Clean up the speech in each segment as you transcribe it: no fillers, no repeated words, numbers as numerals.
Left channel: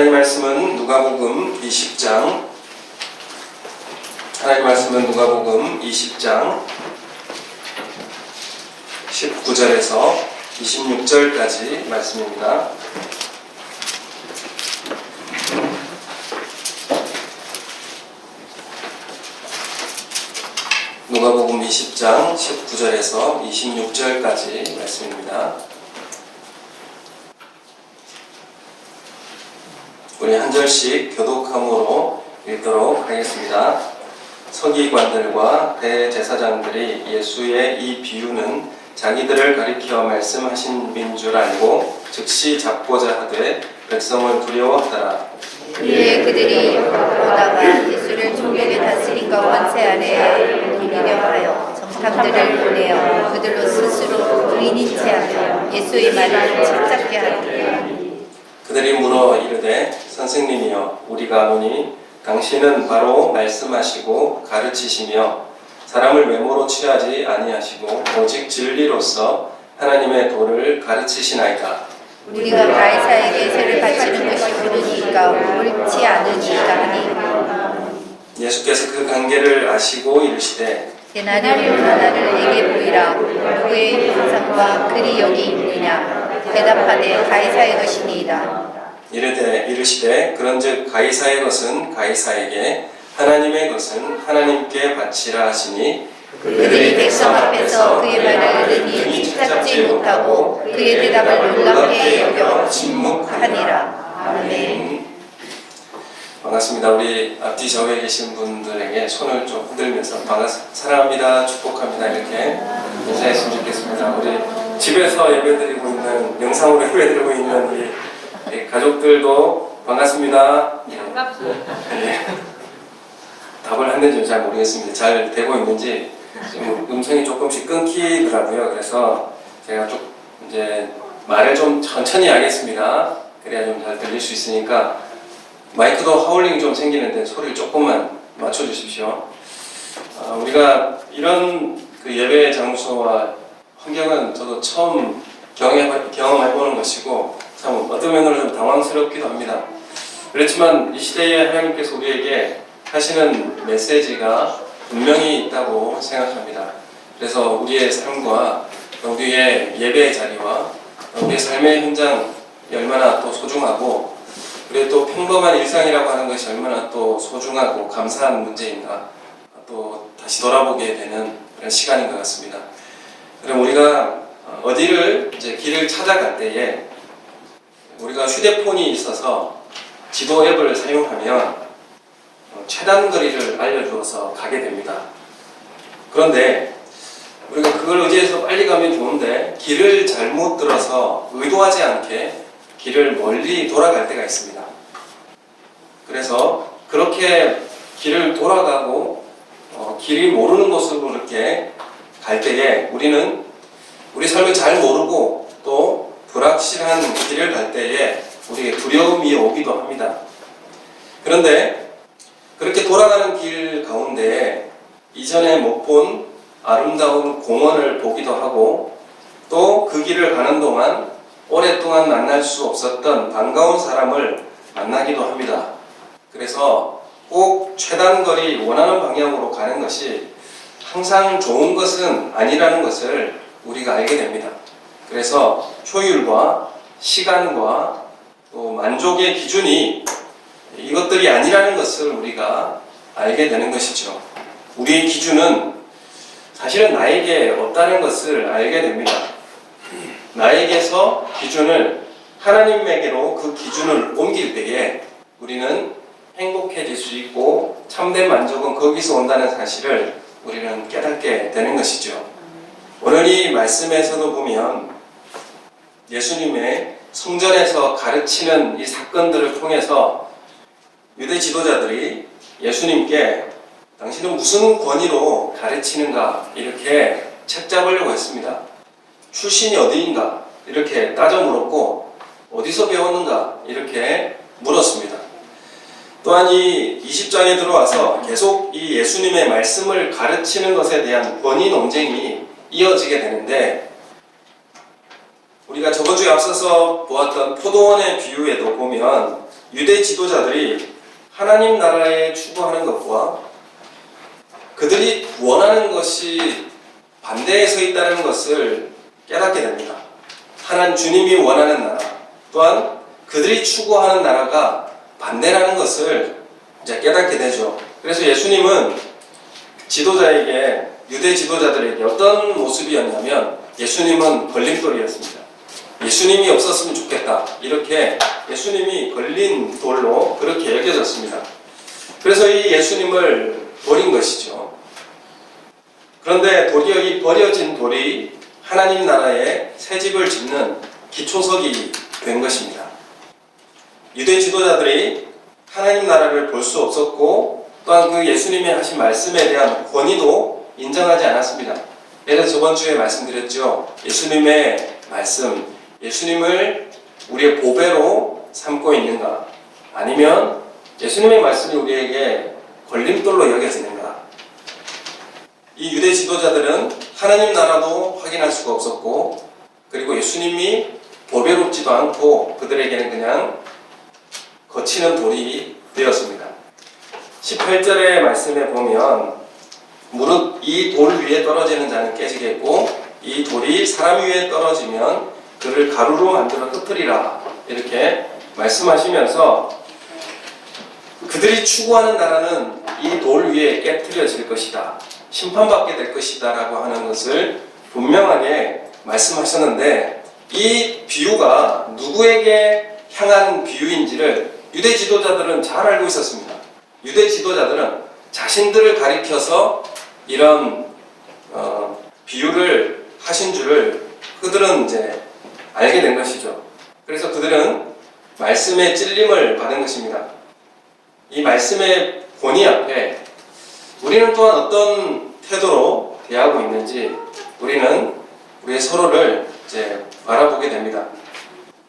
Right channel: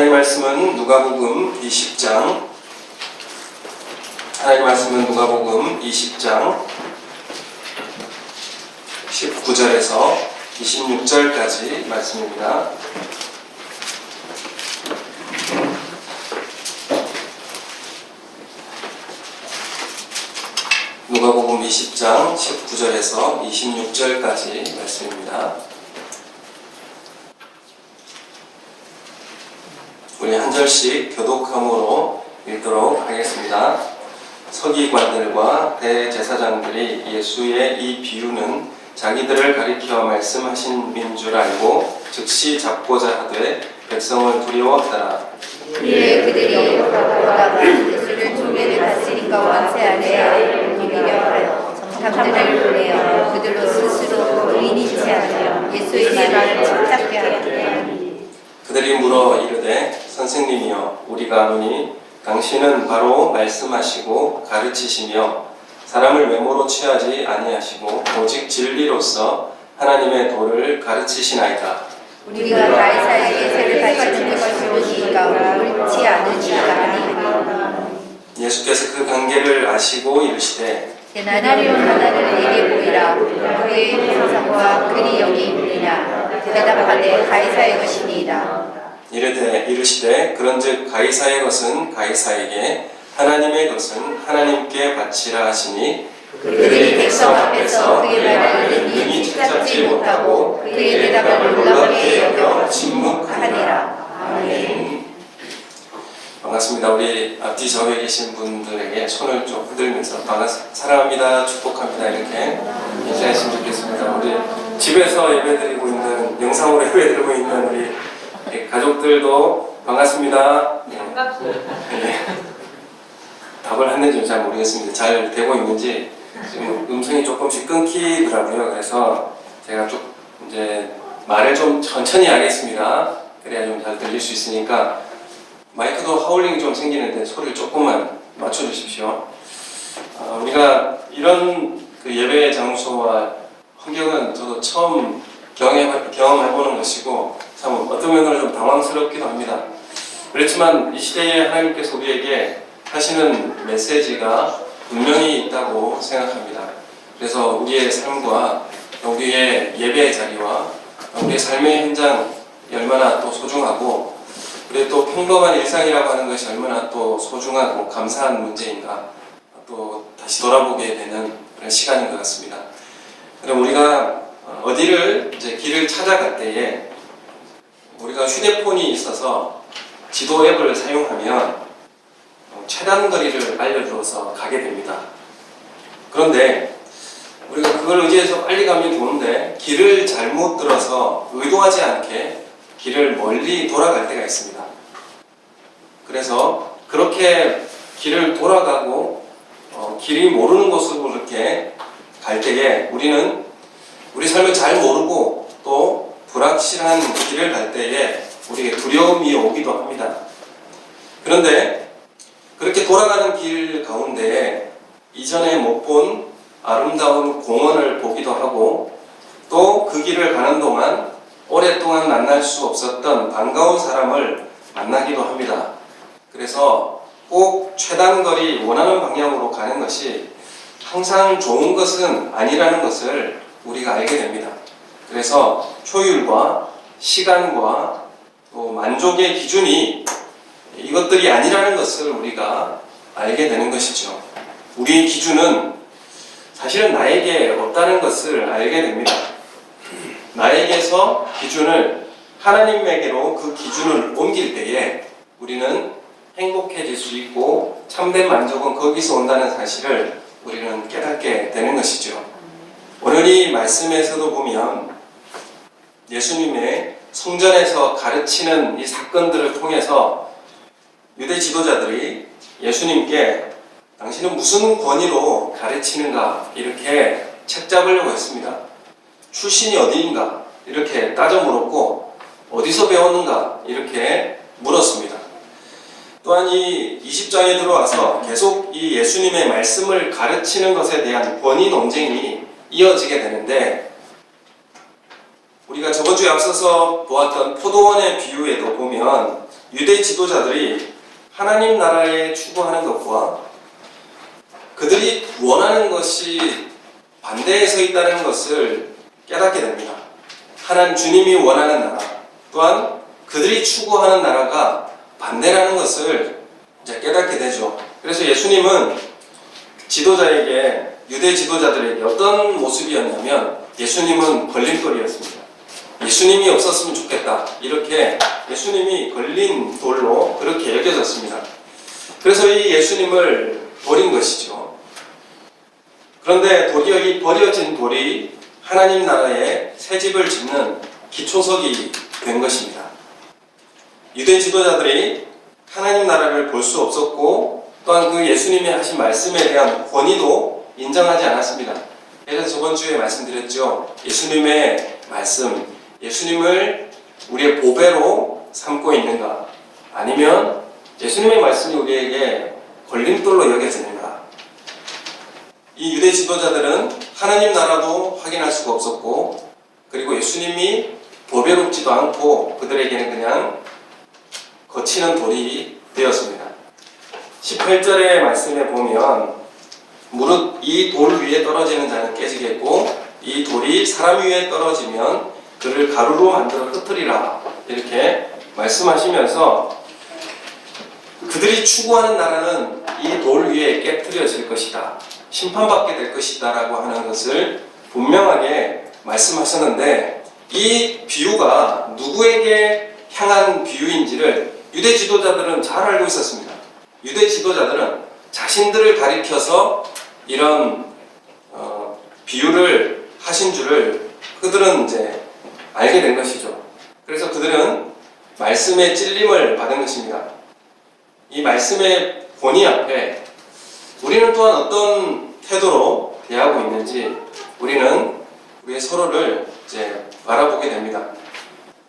하나님 말씀은 누가복음 20장 하나님 말씀은 누가복음 20장 19절에서 26절까지 말씀입니다. 누가복음 20장 19절에서 26절까지 말씀입니다. 우리 한 절씩 교독함으로 읽도록 하겠습니다. 서기관들과 대제사장들이 예수의 이 비유는 자기들을 가리켜 말씀하신 민 줄 알고 즉시 잡고자 하되 백성을 두려워하더라. 그의 그들이 보다가 예수를 종에게 다스림과 권세 아래 기리려 하여 정탐들을 보내어 그들로 스스로 의인인 체하며 예수의 말을 착잡게 하더라. 그들이 물어 이르되 선생님이여 우리가 아노니 당신은 바로 말씀하시고 가르치시며 사람을 외모로 취하지 아니하시고 오직 진리로서 하나님의 도를 가르치시나이다. 우리가 가이사에게 세를 바치는 것이 옳으니까 옳지 않으니까 하니 예수께서 그 관계를 아시고 이르시되 대나님을 하나를 내게 보이라. 누구의 형상과 글이 여기 있느냐. 대답하되 가이사의 것이니이다. 이르시되 그런즉 가이사의 것은 가이사에게 하나님의 것은 하나님께 바치라 하시니 그들이 백성 앞에서 그의 말을 능히 찾지 못하고 그의 대답을 놀랍게 여겨 침묵하니라. 아멘. 반갑습니다. 우리 앞뒤 좌우에 계신 분들에게 손을 좀 흔들면서 사랑합니다, 축복합니다 이렇게 인사했으면 좋겠습니다. 우리 집에서 예배드리고 있는, 영상으로 예배드리고 있는 우리 가족들도 반갑습니다. 네. 답을 했는지 잘 모르겠습니다. 잘 되고 있는지 지금 음성이 조금씩 끊기더라고요. 그래서 제가 좀 이제 말을 좀 천천히 하겠습니다. 그래야 좀 잘 들릴 수 있으니까 마이크도 하울링이 좀 생기는데 소리를 조금만 맞춰주십시오. 우리가 이런 그 예배 장소와 환경은 저도 처음 경험해보는 것이고 참 어떤 면으로 좀 당황스럽기도 합니다. 그렇지만 이 시대에 하나님께서 우리에게 하시는 메시지가 분명히 있다고 생각합니다. 그래서 우리의 삶과 우리의 예배의 자리와 우리의 삶의 현장이 얼마나 또 소중하고 그리고 또 평범한 일상이라고 하는 것이 얼마나 또 소중하고 감사한 문제인가 또 다시 돌아보게 되는 그런 시간인 것 같습니다. 그럼 우리가 어디를 이제 길을 찾아갈 때에 우리가 휴대폰이 있어서 지도 앱을 사용하면 최단 거리를 알려주어서 가게 됩니다. 그런데 우리가 그걸 의지해서 빨리 가면 좋은데 길을 잘못 들어서 의도하지 않게 길을 멀리 돌아갈 때가 있습니다. 그래서 그렇게 길을 돌아가고 길이 모르는 곳으로 이렇게 갈 때에 우리는 우리 삶을 잘 모르고 또 불확실한 길을 갈 때에 우리에게 두려움이 오기도 합니다. 그런데 그렇게 돌아가는 길 가운데 이전에 못 본 아름다운 공원을 보기도 하고 또 그 길을 가는 동안 오랫동안 만날 수 없었던 반가운 사람을 만나기도 합니다. 그래서 꼭 최단 거리 원하는 방향으로 가는 것이 항상 좋은 것은 아니라는 것을 우리가 알게 됩니다. 그래서 효율과 시간과 또 만족의 기준이 이것들이 아니라는 것을 우리가 알게 되는 것이죠. 우리의 기준은 사실은 나에게 없다는 것을 알게 됩니다. 나에게서 기준을 하나님에게로 그 기준을 옮길 때에 우리는 행복해질 수 있고 참된 만족은 거기서 온다는 사실을 우리는 깨닫게 되는 것이죠. 오늘 이 말씀에서도 보면 예수님의 성전에서 가르치는 이 사건들을 통해서 유대 지도자들이 예수님께 당신은 무슨 권위로 가르치는가 이렇게 책잡으려고 했습니다. 출신이 어디인가 이렇게 따져 물었고 어디서 배웠는가 이렇게 물었습니다. 또한 이 20장에 들어와서 계속 이 예수님의 말씀을 가르치는 것에 대한 권위 논쟁이 이어지게 되는데 우리가 저번 주에 앞서서 보았던 포도원의 비유에도 보면 유대 지도자들이 하나님 나라에 추구하는 것과 그들이 원하는 것이 반대에 서 있다는 것을 깨닫게 됩니다. 하나님 주님이 원하는 나라 또한 그들이 추구하는 나라가 반대라는 것을 이제 깨닫게 되죠. 그래서 예수님은 지도자에게 유대 지도자들에게 어떤 모습이었냐면 예수님은 걸림돌이었습니다. 예수님이 없었으면 좋겠다. 이렇게 예수님이 걸린 돌로 그렇게 여겨졌습니다. 그래서 이 예수님을 버린 것이죠. 그런데 도리어 이 버려진 돌이 하나님 나라에 새 집을 짓는 기초석이 된 것입니다. 유대 지도자들이 하나님 나라를 볼 수 없었고 또한 그 예수님이 하신 말씀에 대한 권위도 인정하지 않았습니다. 그래서 저번 주에 말씀드렸죠. 예수님의 말씀, 예수님을 우리의 보배로 삼고 있는가? 아니면 예수님의 말씀이 우리에게 걸림돌로 여겨지는가? 이 유대 지도자들은 하나님 나라도 확인할 수가 없었고 그리고 예수님이 보배롭지도 않고 그들에게는 그냥 거치는 돌이 되었습니다. 18절의 말씀에 보면 무릇 이 돌 위에 떨어지는 자는 깨지겠고 이 돌이 사람 위에 떨어지면 그를 가루로 만들어 흩으리라 이렇게 말씀하시면서 그들이 추구하는 나라는 이 돌 위에 깨트려질 것이다. 심판받게 될 것이다 라고 하는 것을 분명하게 말씀하셨는데 이 비유가 누구에게 향한 비유인지를 유대 지도자들은 잘 알고 있었습니다. 유대 지도자들은 자신들을 가리켜서 이런 비유를 하신 줄을 그들은 이제 알게 된 것이죠. 그래서 그들은 말씀의 찔림을 받은 것입니다. 이 말씀의 권위 앞에 우리는 또한 어떤 태도로 대하고 있는지 우리는 우리의 서로를 이제 바라보게 됩니다.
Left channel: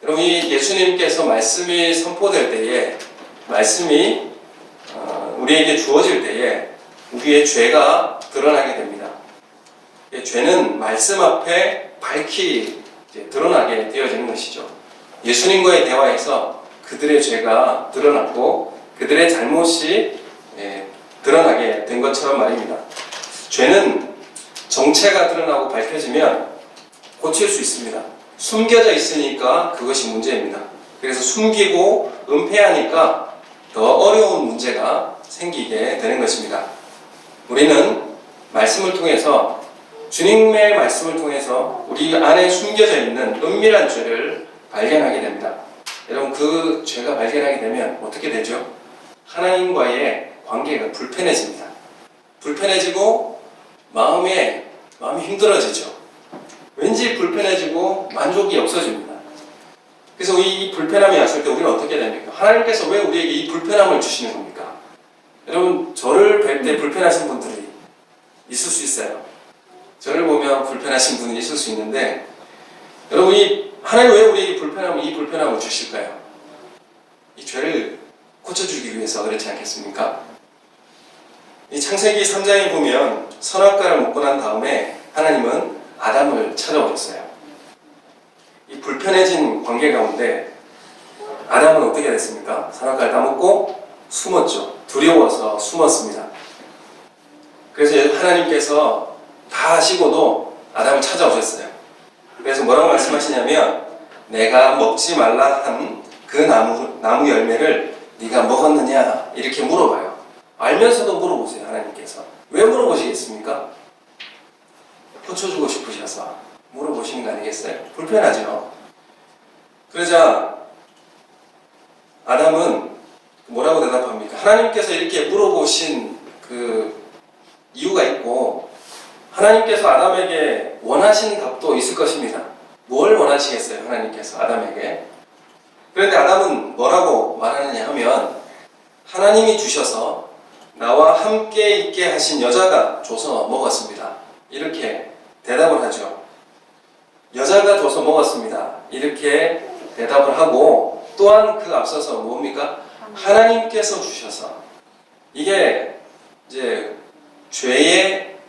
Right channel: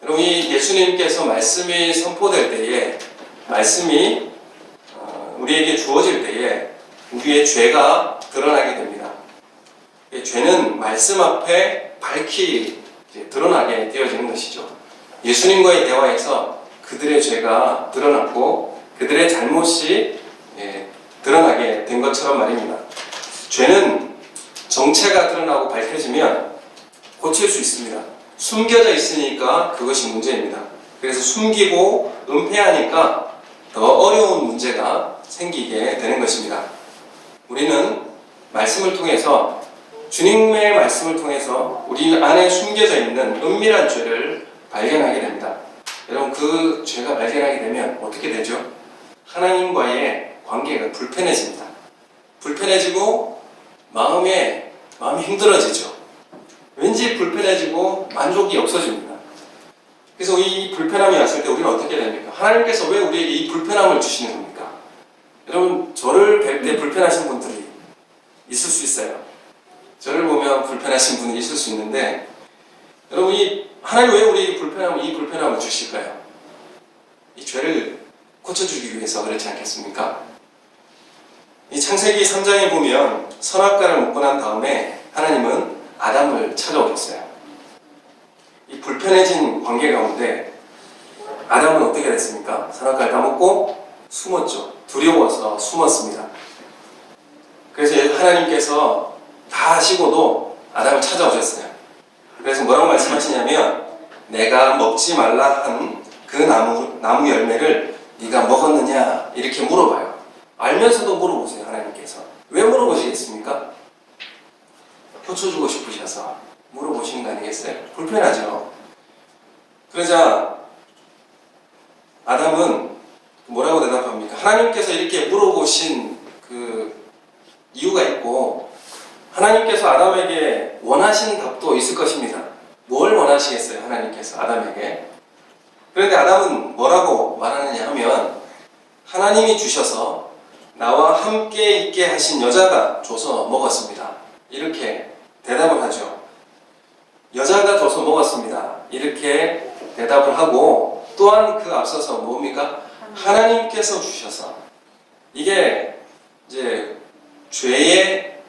여러분, 이 예수님께서 말씀이 선포될 때에 말씀이 우리에게 주어질 때에 우리의 죄가 드러나게 됩니다. 죄는 말씀 앞에 밝히 드러나게 되어지는 것이죠. 예수님과의 대화에서 그들의 죄가 드러났고 그들의 잘못이 드러나게 된 것처럼 말입니다. 죄는 정체가 드러나고 밝혀지면 고칠 수 있습니다. 숨겨져 있으니까 그것이 문제입니다. 그래서 숨기고 은폐하니까 더 어려운 문제가 생기게 되는 것입니다. 우리는 말씀을 통해서 주님의 말씀을 통해서 우리 안에 숨겨져 있는 은밀한 죄를 발견하게 됩니다. 여러분, 그 죄가 발견하게 되면 어떻게 되죠? 하나님과의 관계가 불편해집니다. 불편해지고 마음이 힘들어지죠. 왠지 불편해지고 만족이 없어집니다. 그래서 이 불편함이 왔을 때 우리는 어떻게 됩니까? 하나님께서 왜 우리에게 이 불편함을 주시는 겁니까? 여러분, 저를 뵐 때 불편하신 분들이 있을 수 있어요. 저를 보면 불편하신 분이 있을 수 있는데 여러분, 하나님 왜 우리에게 이 불편함을 주실까요? 이 죄를 고쳐주기 위해서 그렇지 않겠습니까? 이 창세기 3장에 보면 선악과를 먹고 난 다음에 하나님은 아담을 찾아오셨어요. 이 불편해진 관계 가운데 아담은 어떻게 됐습니까? 선악과를 다 먹고 숨었죠. 두려워서 숨었습니다. 그래서 하나님께서 다 하시고도 아담을 찾아오셨어요. 그래서 뭐라고 말씀하시냐면 내가 먹지 말라 한 그 나무 열매를 네가 먹었느냐 이렇게 물어봐요. 알면서도 물어보세요. 하나님께서 왜 물어보시겠습니까? 고쳐주고 싶으셔서 물어보시는 거 아니겠어요? 불편하죠. 그러자 아담은 뭐라고 대답합니까? 하나님께서 이렇게 물어보신 그 이유가 있고 하나님께서 아담에게 원하시는 답도 있을 것입니다. 뭘 원하시겠어요? 하나님께서 아담에게. 그런데 아담은 뭐라고 말하느냐 하면 하나님이 주셔서 나와 함께 있게 하신 여자가 줘서 먹었습니다. 이렇게 대답을 하죠. 여자가 줘서 먹었습니다. 이렇게 대답을 하고 또한 그 앞서서 뭡니까? 하나님께서 주셔서. 이게 이제 죄에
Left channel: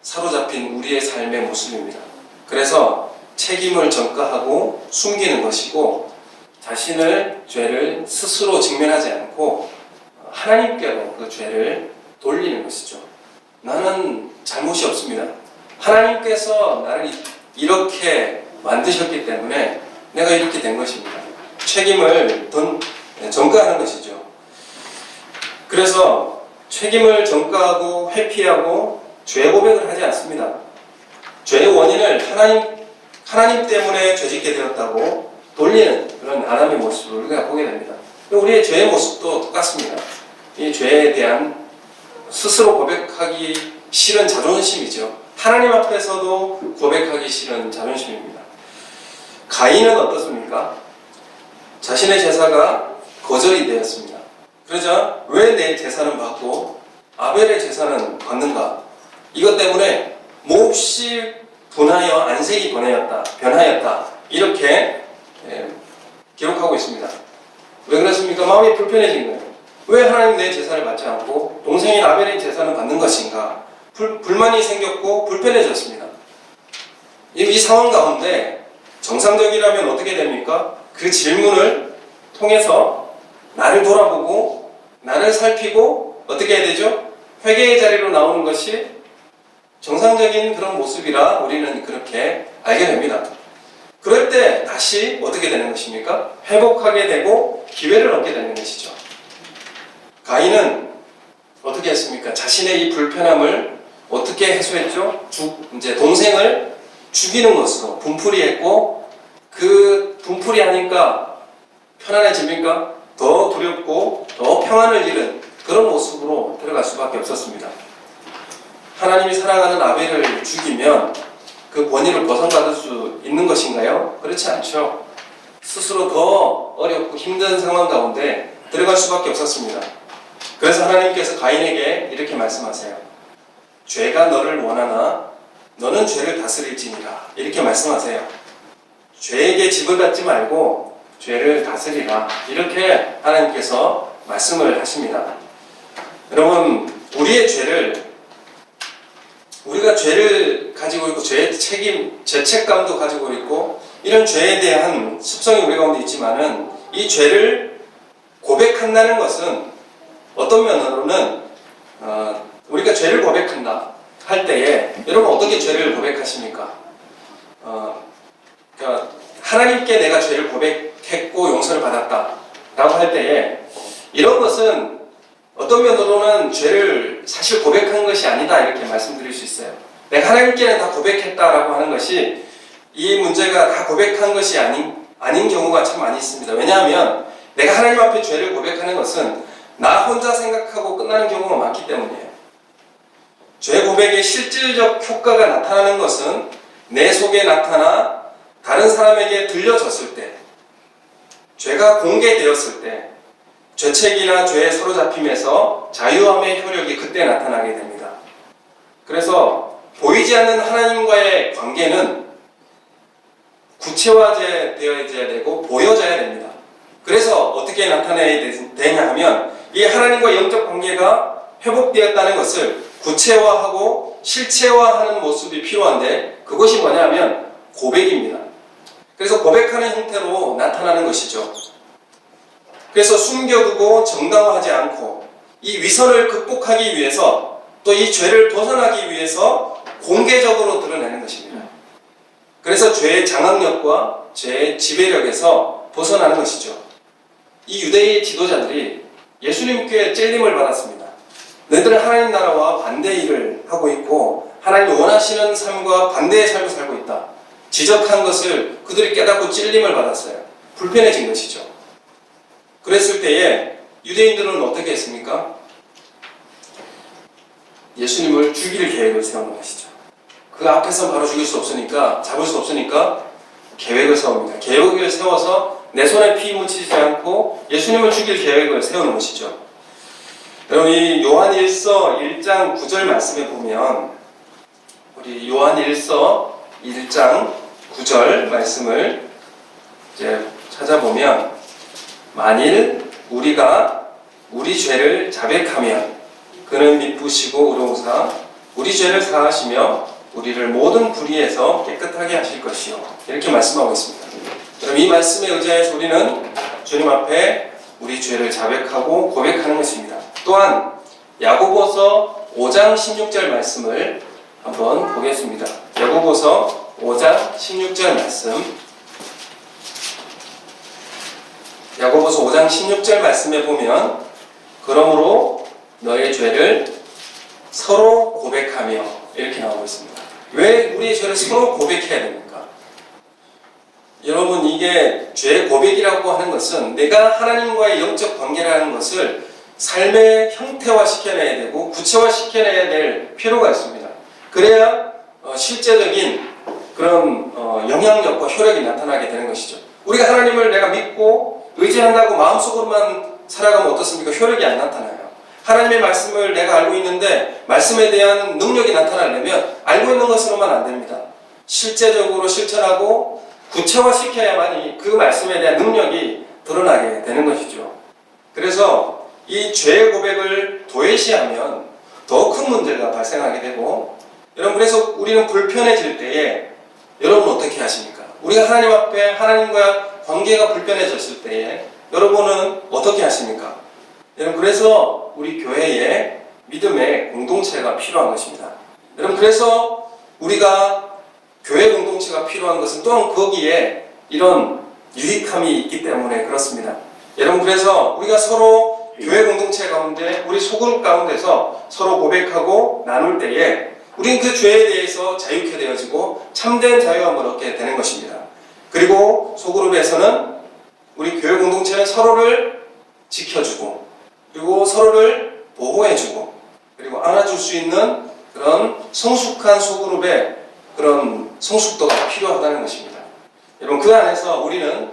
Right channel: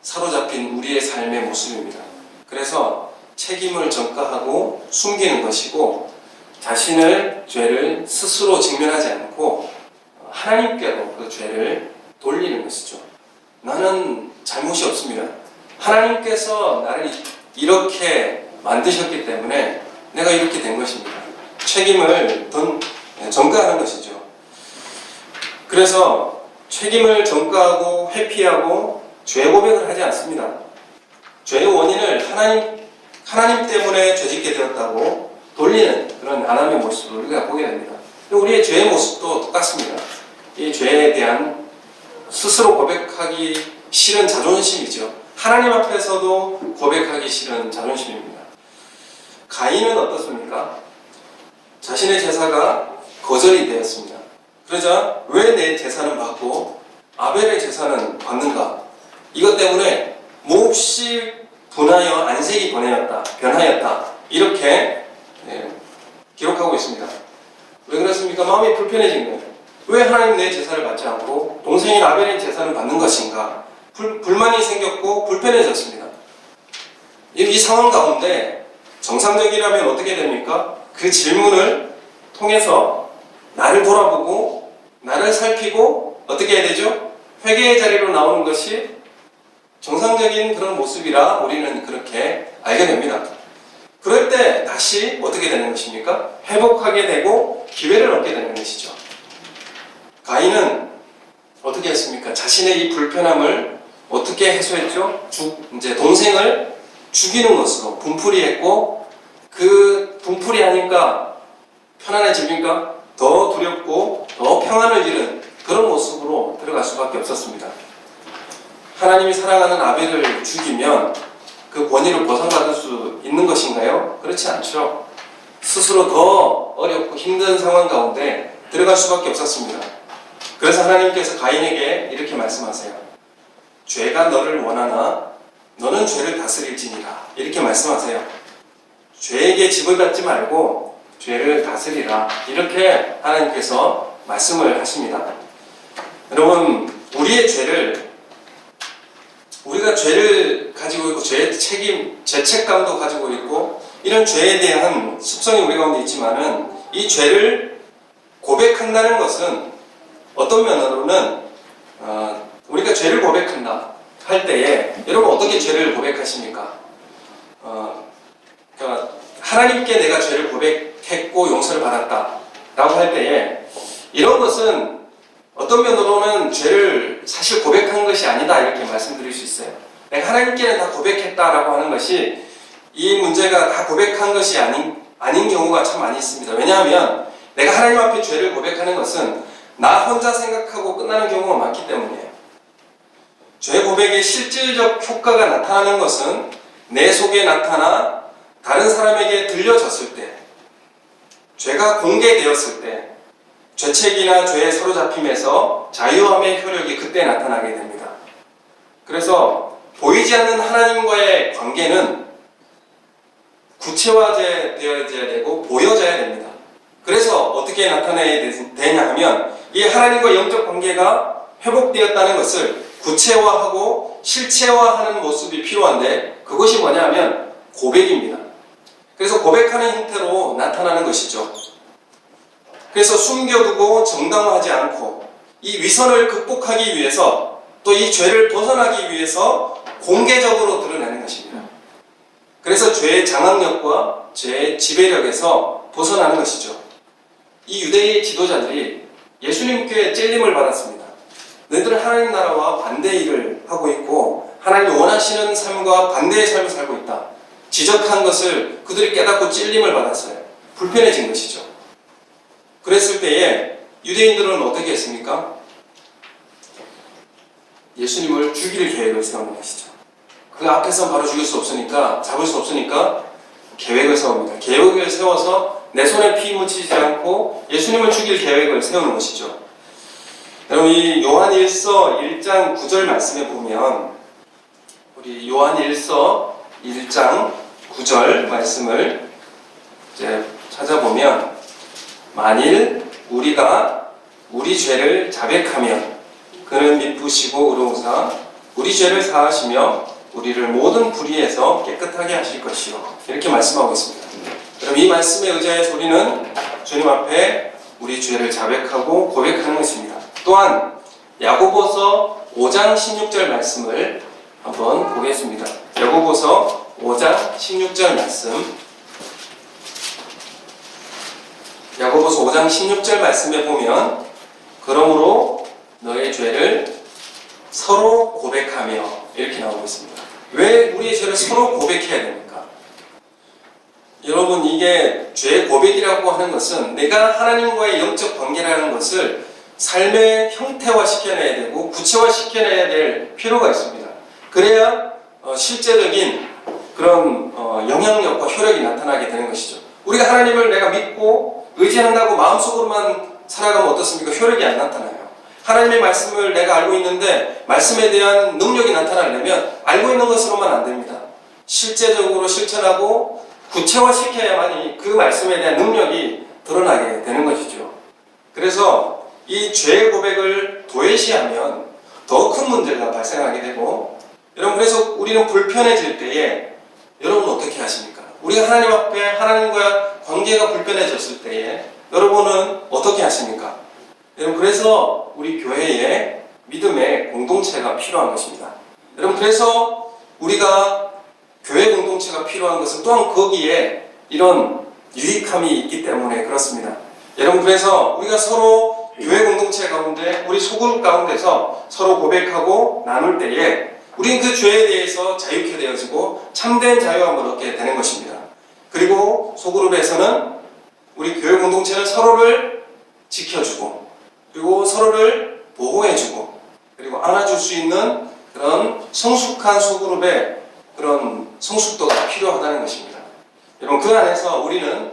사로잡힌 우리의 삶의 모습입니다. 그래서 책임을 전가하고 숨기는 것이고 자신을 죄를 스스로 직면하지 않고 하나님께로 그 죄를 돌리는 것이죠. 나는 잘못이 없습니다. 하나님께서 나를 이렇게 만드셨기 때문에 내가 이렇게 된 것입니다. 책임을 전가하는 것이죠. 그래서 책임을 전가하고 회피하고 죄 고백을 하지 않습니다. 죄의 원인을 하나님 때문에 죄짓게 되었다고 돌리는 그런 아담의 모습을 우리가 보게 됩니다. 우리의 죄의 모습도 똑같습니다. 이 죄에 대한 스스로 고백하기 싫은 자존심이죠. 하나님 앞에서도 고백하기 싫은 자존심입니다. 가인은 어떻습니까? 자신의 제사가 거절이 되었습니다. 그러자 왜 내 제사는 받고 아벨의 제사는 받는가? 이것 때문에 몹시 분하여 안색이 변하였다. 이렇게 기록하고 있습니다. 왜 그렇습니까? 마음이 불편해진 거예요. 왜 하나님 내 제사를 받지 않고 동생인 아벨의 제사는 받는 것인가? 불만이 생겼고 불편해졌습니다. 이 상황 가운데 정상적이라면 어떻게 됩니까? 그 질문을 통해서 나를 돌아보고 나를 살피고 어떻게 해야 되죠? 회개의 자리로 나오는 것이 정상적인 그런 모습이라 우리는 그렇게 알게 됩니다. 그럴 때 다시 어떻게 되는 것입니까? 회복하게 되고 기회를 얻게 되는 것이죠. 가인은 어떻게 했습니까? 자신의 이 불편함을 어떻게 해소했죠? 이제 동생을 죽이는 것으로 분풀이했고, 그 분풀이하니까 편안해집니까? 더 두렵고 더 평안을 잃은 그런 모습으로 들어갈 수밖에 없었습니다. 하나님이 사랑하는 아벨을 죽이면 그 권위를 벗어받을 수 있는 것인가요? 그렇지 않죠. 스스로 더 어렵고 힘든 상황 가운데 들어갈 수밖에 없었습니다. 그래서 하나님께서 가인에게 이렇게 말씀하세요. 죄가 너를 원하나 너는 죄를 다스릴지니라. 이렇게 말씀하세요. 죄에게 집을 갖지 말고 죄를 다스리라. 이렇게 하나님께서 말씀을 하십니다. 여러분, 우리가 죄를 가지고 있고 죄책감도 가지고 있고 이런 죄에 대한 습성이 우리 가운데 있지만은 이 죄를 고백한다는 것은 어떤 면으로는 우리가 죄를 고백한다 할 때에 여러분 어떻게 죄를 고백하십니까? 그러니까 하나님께 내가 죄를 고백했고 용서를 받았다 라고 할 때에 이런 것은 어떤 면으로는 죄를 사실 고백한 것이 아니다 이렇게 말씀드릴 수 있어요. 내가 하나님께는 다 고백했다라고 하는 것이 이 문제가 다 고백한 것이 아닌 경우가 참 많이 있습니다. 왜냐하면 내가 하나님 앞에 죄를 고백하는 것은 나 혼자 생각하고 끝나는 경우가 많기 때문이에요. 죄 고백의 실질적 효과가 나타나는 것은 내 속에 나타나 다른 사람에게 들려졌을 때, 죄가 공개되었을 때, 죄책이나 죄에 사로잡힘에서 자유함의 효력이 그때 나타나게 됩니다. 그래서 보이지 않는 하나님과의 관계는 구체화되어야 되고 보여져야 됩니다. 그래서 어떻게 나타내야 되냐 하면 이 하나님과 영적 관계가 회복되었다는 것을 구체화하고 실체화하는 모습이 필요한데 그것이 뭐냐면 고백입니다. 그래서 고백하는 형태로 나타나는 것이죠. 그래서 숨겨두고 정당화하지 않고 이 위선을 극복하기 위해서 또 이 죄를 벗어나기 위해서 공개적으로 드러내는 것입니다. 그래서 죄의 장악력과 죄의 지배력에서 벗어나는 것이죠. 이 유대의 지도자들이 예수님께 찔림을 받았습니다. 너희들은 하나님 나라와 반대의 일을 하고 있고 하나님이 원하시는 삶과 반대의 삶을 살고 있다. 지적한 것을 그들이 깨닫고 찔림을 받았어요. 불편해진 것이죠. 그랬을 때에 유대인들은 어떻게 했습니까? 예수님을 죽일 계획을 세우는 것이죠. 그 앞에서 바로 죽일 수 없으니까, 잡을 수 없으니까 계획을 세웁니다. 계획을 세워서 내 손에 피 묻히지 않고 예수님을 죽일 계획을 세우는 것이죠. 여러분, 이 요한 1서 1장 9절 말씀에 보면 우리 요한 1서 1장 9절 말씀을 이제 찾아보면 만일 우리가 우리 죄를 자백하면 그는 미쁘시고 의로우사 우리 죄를 사하시며 우리를 모든 불의에서 깨끗하게 하실 것이요. 이렇게 말씀하고 있습니다. 그럼 이 말씀에 의지해서 우리는 주님 앞에 우리 죄를 자백하고 고백하는 것입니다. 또한 야고보서 5장 16절 말씀을 한번 보겠습니다. 야고보서 5장 16절 말씀. 야고보서 5장 16절 말씀에 보면 그러므로 너의 죄를 서로 고백하며 이렇게 나오고 있습니다. 왜 우리의 죄를 서로 고백해야 됩니까? 여러분, 이게 죄 고백이라고 하는 것은 내가 하나님과의 영적 관계라는 것을 삶의 형태화 시켜내야 되고 구체화 시켜내야 될 필요가 있습니다. 그래야 실제적인 그런 영향력과 효력이 나타나게 되는 것이죠. 우리가 하나님을 내가 믿고 의지한다고 마음속으로만 살아가면 어떻습니까? 효력이 안 나타나요. 하나님의 말씀을 내가 알고 있는데 말씀에 대한 능력이 나타나려면 알고 있는 것으로만 안 됩니다. 실제적으로 실천하고 구체화시켜야만이 그 말씀에 대한 능력이 드러나게 되는 것이죠. 그래서 이 죄의 고백을 도외시하면 더 큰 문제가 발생하게 되고, 여러분, 그래서 우리는 불편해질 때에 여러분 어떻게 하십니까? 우리가 하나님 앞에 하나님과 관계가 불편해졌을 때에 여러분은 어떻게 하십니까? 여러분, 그래서 우리 교회에 믿음의 공동체가 필요한 것입니다. 여러분, 그래서 우리가 교회 공동체가 필요한 것은 또한 거기에 이런 유익함이 있기 때문에 그렇습니다. 여러분, 그래서 우리가 서로 교회 공동체 가운데 우리 소그룹 가운데서 서로 고백하고 나눌 때에 우리는 그 죄에 대해서 자유케 되어지고 참된 자유함을 얻게 되는 것입니다. 그리고 소그룹에서는 우리 교회 공동체는 서로를 지켜주고 그리고 서로를 보호해주고 그리고 안아줄 수 있는 그런 성숙한 소그룹의 그런 성숙도가 필요하다는 것입니다. 여러분, 그 안에서 우리는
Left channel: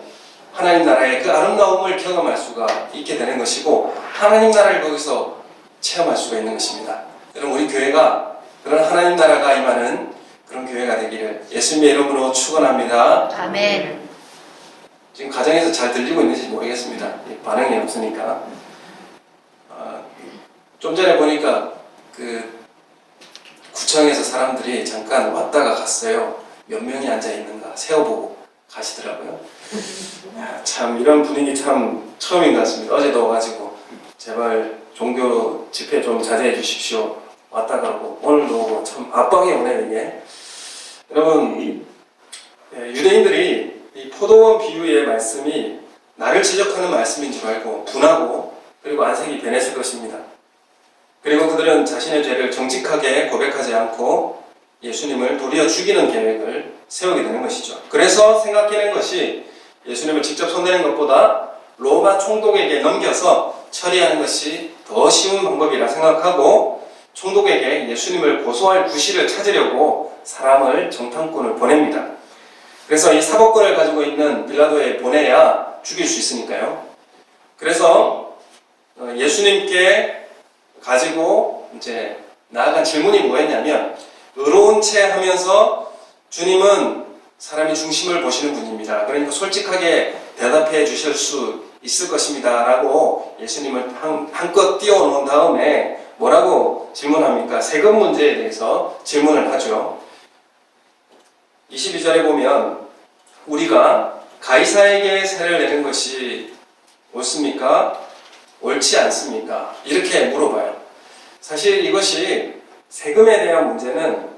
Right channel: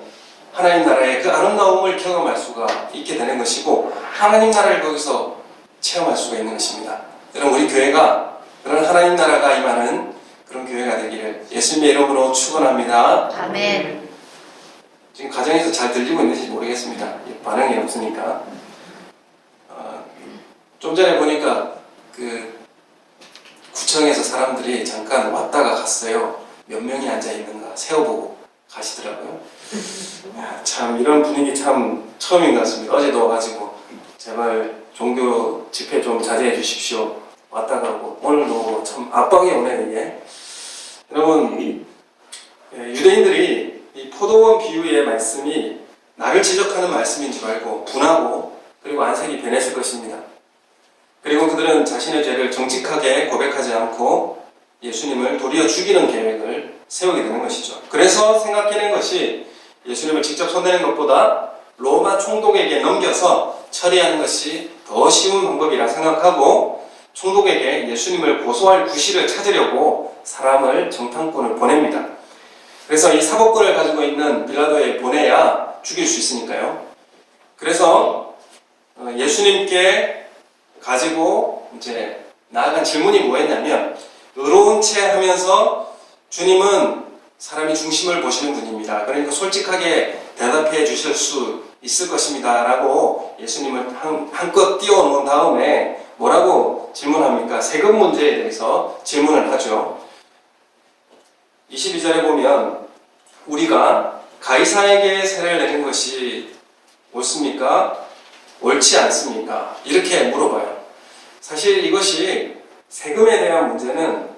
하나님 나라의 그 아름다움을 경험할 수가 있게 되는 것이고 하나님 나라를 거기서 체험할 수가 있는 것입니다. 여러분, 우리 교회가 그런 하나님 나라가 임하는 그런 교회가 되기를 예수님의 이름으로 축원합니다. 아멘. 지금 가정에서 잘 들리고 있는지 모르겠습니다. 반응이 없으니까. 좀 전에 보니까 그 구청에서 사람들이 잠깐 왔다가 갔어요. 몇 명이 앉아 있는가 세어보고 가시더라고요. 참 이런 분위기 참 처음인 것 같습니다. 어제도 와가지고 제발 종교 집회 좀 자제해 주십시오. 왔다 가고 오늘도 참 압박이 오네요. 이게. 여러분, 유대인들이 이 포도원 비유의 말씀이 나를 지적하는 말씀인 줄 알고 분하고 그리고 안색이 변했을 것입니다. 그리고 그들은 자신의 죄를 정직하게 고백하지 않고 예수님을 도리어 죽이는 계획을 세우게 되는 것이죠. 그래서 생각해낸 것이 예수님을 직접 손대는 것보다 로마 총독에게 넘겨서 처리하는 것이 더 쉬운 방법이라 생각하고 총독에게 예수님을 고소할 구실을 찾으려고 사람을 정탐꾼을 보냅니다. 그래서 이 사법권을 가지고 있는 빌라도에 보내야 죽일 수 있으니까요. 그래서 예수님께 가지고 이제 나아간 질문이 뭐였냐면 의로운 채 하면서 주님은 사람의 중심을 보시는 분입니다. 그러니까 솔직하게 대답해 주실 수 있을 것입니다. 라고 예수님을 한껏 띄워놓은 다음에 뭐라고 질문합니까? 세금 문제에 대해서 질문을 하죠. 22절에 보면 우리가 가이사에게 세를 내는 것이 옳습니까? 옳지 않습니까? 이렇게 물어봐요. 사실 이것이 세금에 대한 문제는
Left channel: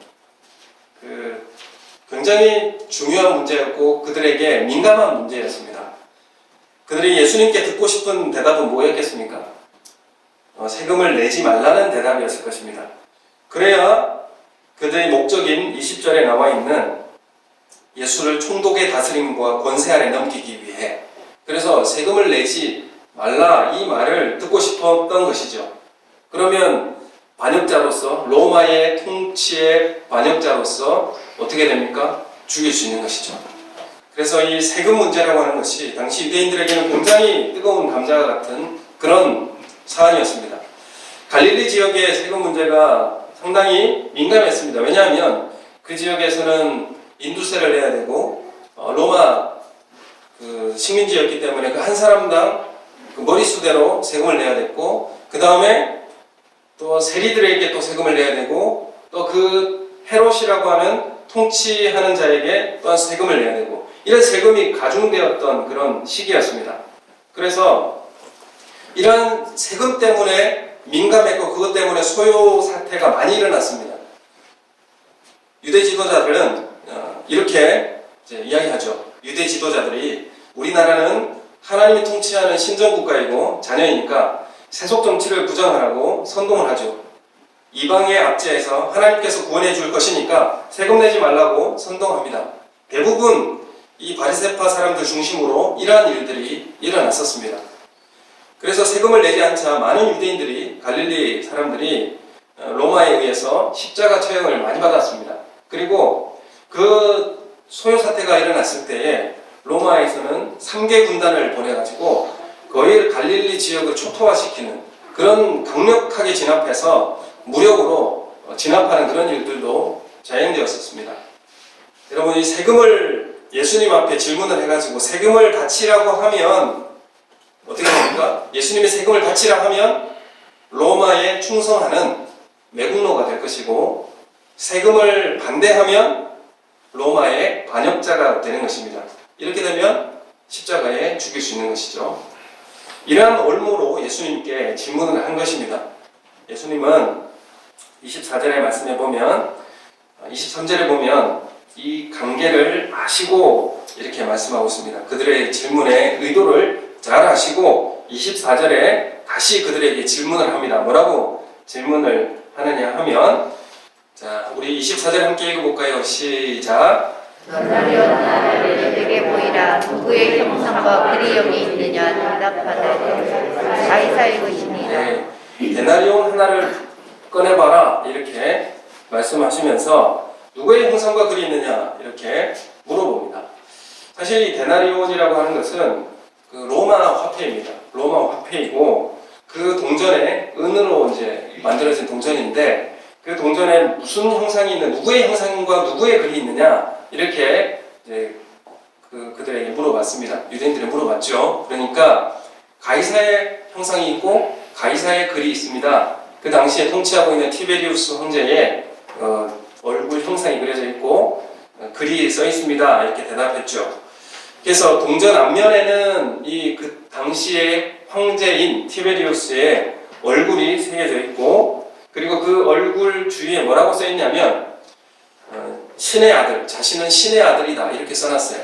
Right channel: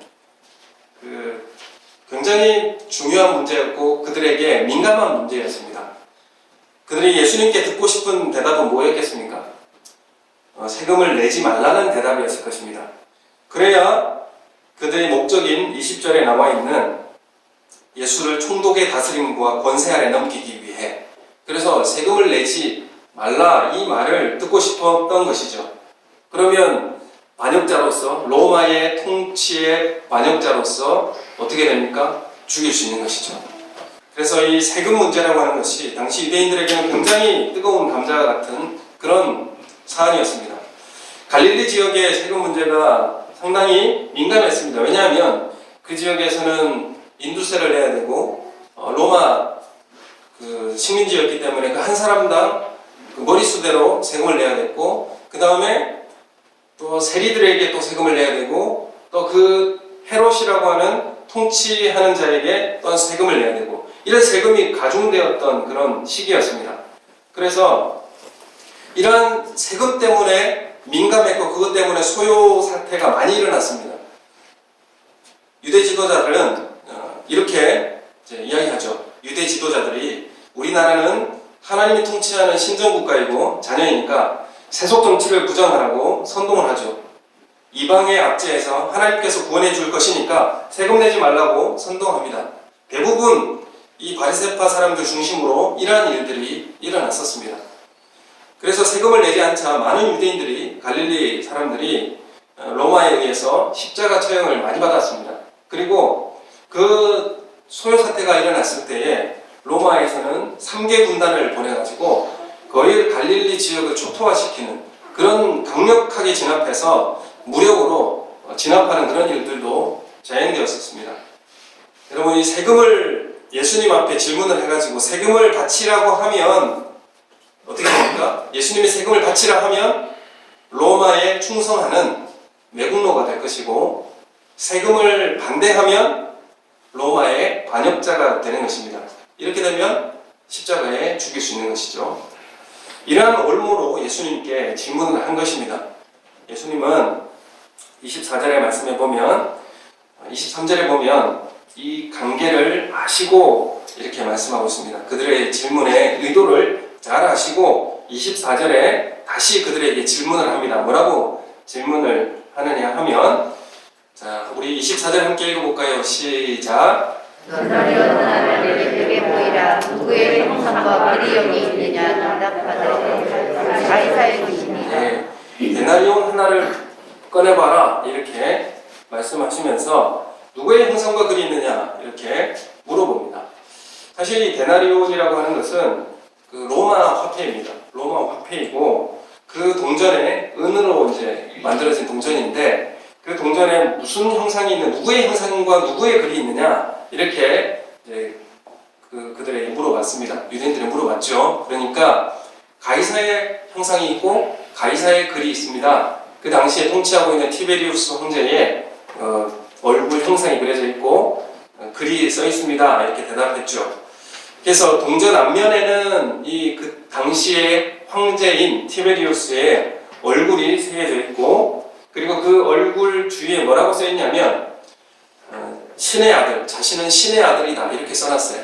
굉장히 중요한 문제였고 그들에게 민감한 문제였습니다. 그들이 예수님께 듣고 싶은 대답은 뭐였겠습니까? 세금을 내지 말라는 대답이었을 것입니다. 그래야 그들의 목적인 20절에 나와 있는 예수를 총독의 다스림과 권세 아래 넘기기 위해 그래서 세금을 내지 말라 이 말을 듣고 싶었던 것이죠. 그러면 반역자로서 로마의 통치의 반역자로서 어떻게 됩니까? 죽일 수 있는 것이죠. 그래서 이 세금 문제라고 하는 것이 당시 유대인들에게는 굉장히 뜨거운 감자 같은 그런 사안이었습니다. 갈릴리 지역의 세금 문제가 상당히 민감했습니다. 왜냐하면 그 지역에서는 인두세를 내야 되고 로마 식민지였기 때문에 그 한 사람당 그 머릿수대로 세금을 내야 됐고 그 다음에 또 세리들에게 또 세금을 내야 되고 또 그 헤롯이라고 하는 통치하는 자에게 또한 세금을 내야 되고 이런 세금이 가중되었던 그런 시기였습니다. 그래서 이러한 세금 때문에 민감했고 그것 때문에 소요 사태가 많이 일어났습니다. 유대 지도자들은 이렇게 이제 이야기하죠. 유대 지도자들이 우리나라는 하나님이 통치하는 신정국가이고 자녀이니까 세속 정치를 부정하라고 선동을 하죠. 이방의 압제에서 하나님께서 구원해 줄 것이니까 세금 내지 말라고 선동합니다. 대부분 이 바리새파 사람들 중심으로 이러한 일들이 일어났었습니다. 그래서 세금을 내지 않자 많은 유대인들이 갈릴리 사람들이 로마에 의해서 십자가 처형을 많이 받았습니다. 그리고 그 소요 사태가 일어났을 때에 로마에서는 3개 군단을 보내가지고 거의 갈릴리 지역을 초토화시키는 그런 강력하게 진압해서 무력으로 진압하는 그런 일들도 자행되었었습니다. 여러분, 이 세금을 예수님 앞에 질문을 해가지고 세금을 바치라고 하면 어떻게 됩니까? 예수님이 세금을 바치라 하면 로마에 충성하는 매국노가 될 것이고 세금을 반대하면 로마의 반역자가 되는 것입니다. 이렇게 되면 십자가에 죽일 수 있는 것이죠. 이러한 올무로 예수님께 질문을 한 것입니다. 예수님은 24절의 말씀에 보면 23절에 보면 이 관계를 아시고 이렇게 말씀하고 있습니다. 그들의 질문의 의도를 잘 아시고 24절에 다시 그들에게 질문을 합니다. 뭐라고 질문을 하느냐 하면 자, 우리 24절 함께 읽어볼까요? 시작. 너는 내게 보이라. 누구의 형상과 글이 여기 있느냐? 대답하되 가이사의 것이니라. 네, 데나리온 하나를 꺼내봐라 이렇게 말씀하시면서 누구의 형상과 글이 있느냐 이렇게 물어봅니다. 사실 이 데나리온이라고 하는 것은 그 로마 화폐입니다. 로마 화폐이고 그 동전에 은으로 이제 만들어진 동전인데 그 동전에 무슨 형상이 있는 누구의 형상과 누구의 글이 있느냐 이렇게 이제 그들에게 물어봤습니다. 유대인들이 물어봤죠. 그러니까 가이사의 형상이 있고 가이사의 글이 있습니다. 그 당시에 통치하고 있는 티베리우스 황제의 얼굴 형상이 그려져 있고 글이 써 있습니다. 이렇게 대답했죠. 그래서 동전 앞면에는 그 당시의 황제인 티베리우스의 얼굴이 새겨져 있고 그리고 그 얼굴 주위에 뭐라고 써 있냐면 신의 아들, 자신은 신의 아들이다 이렇게 써놨어요.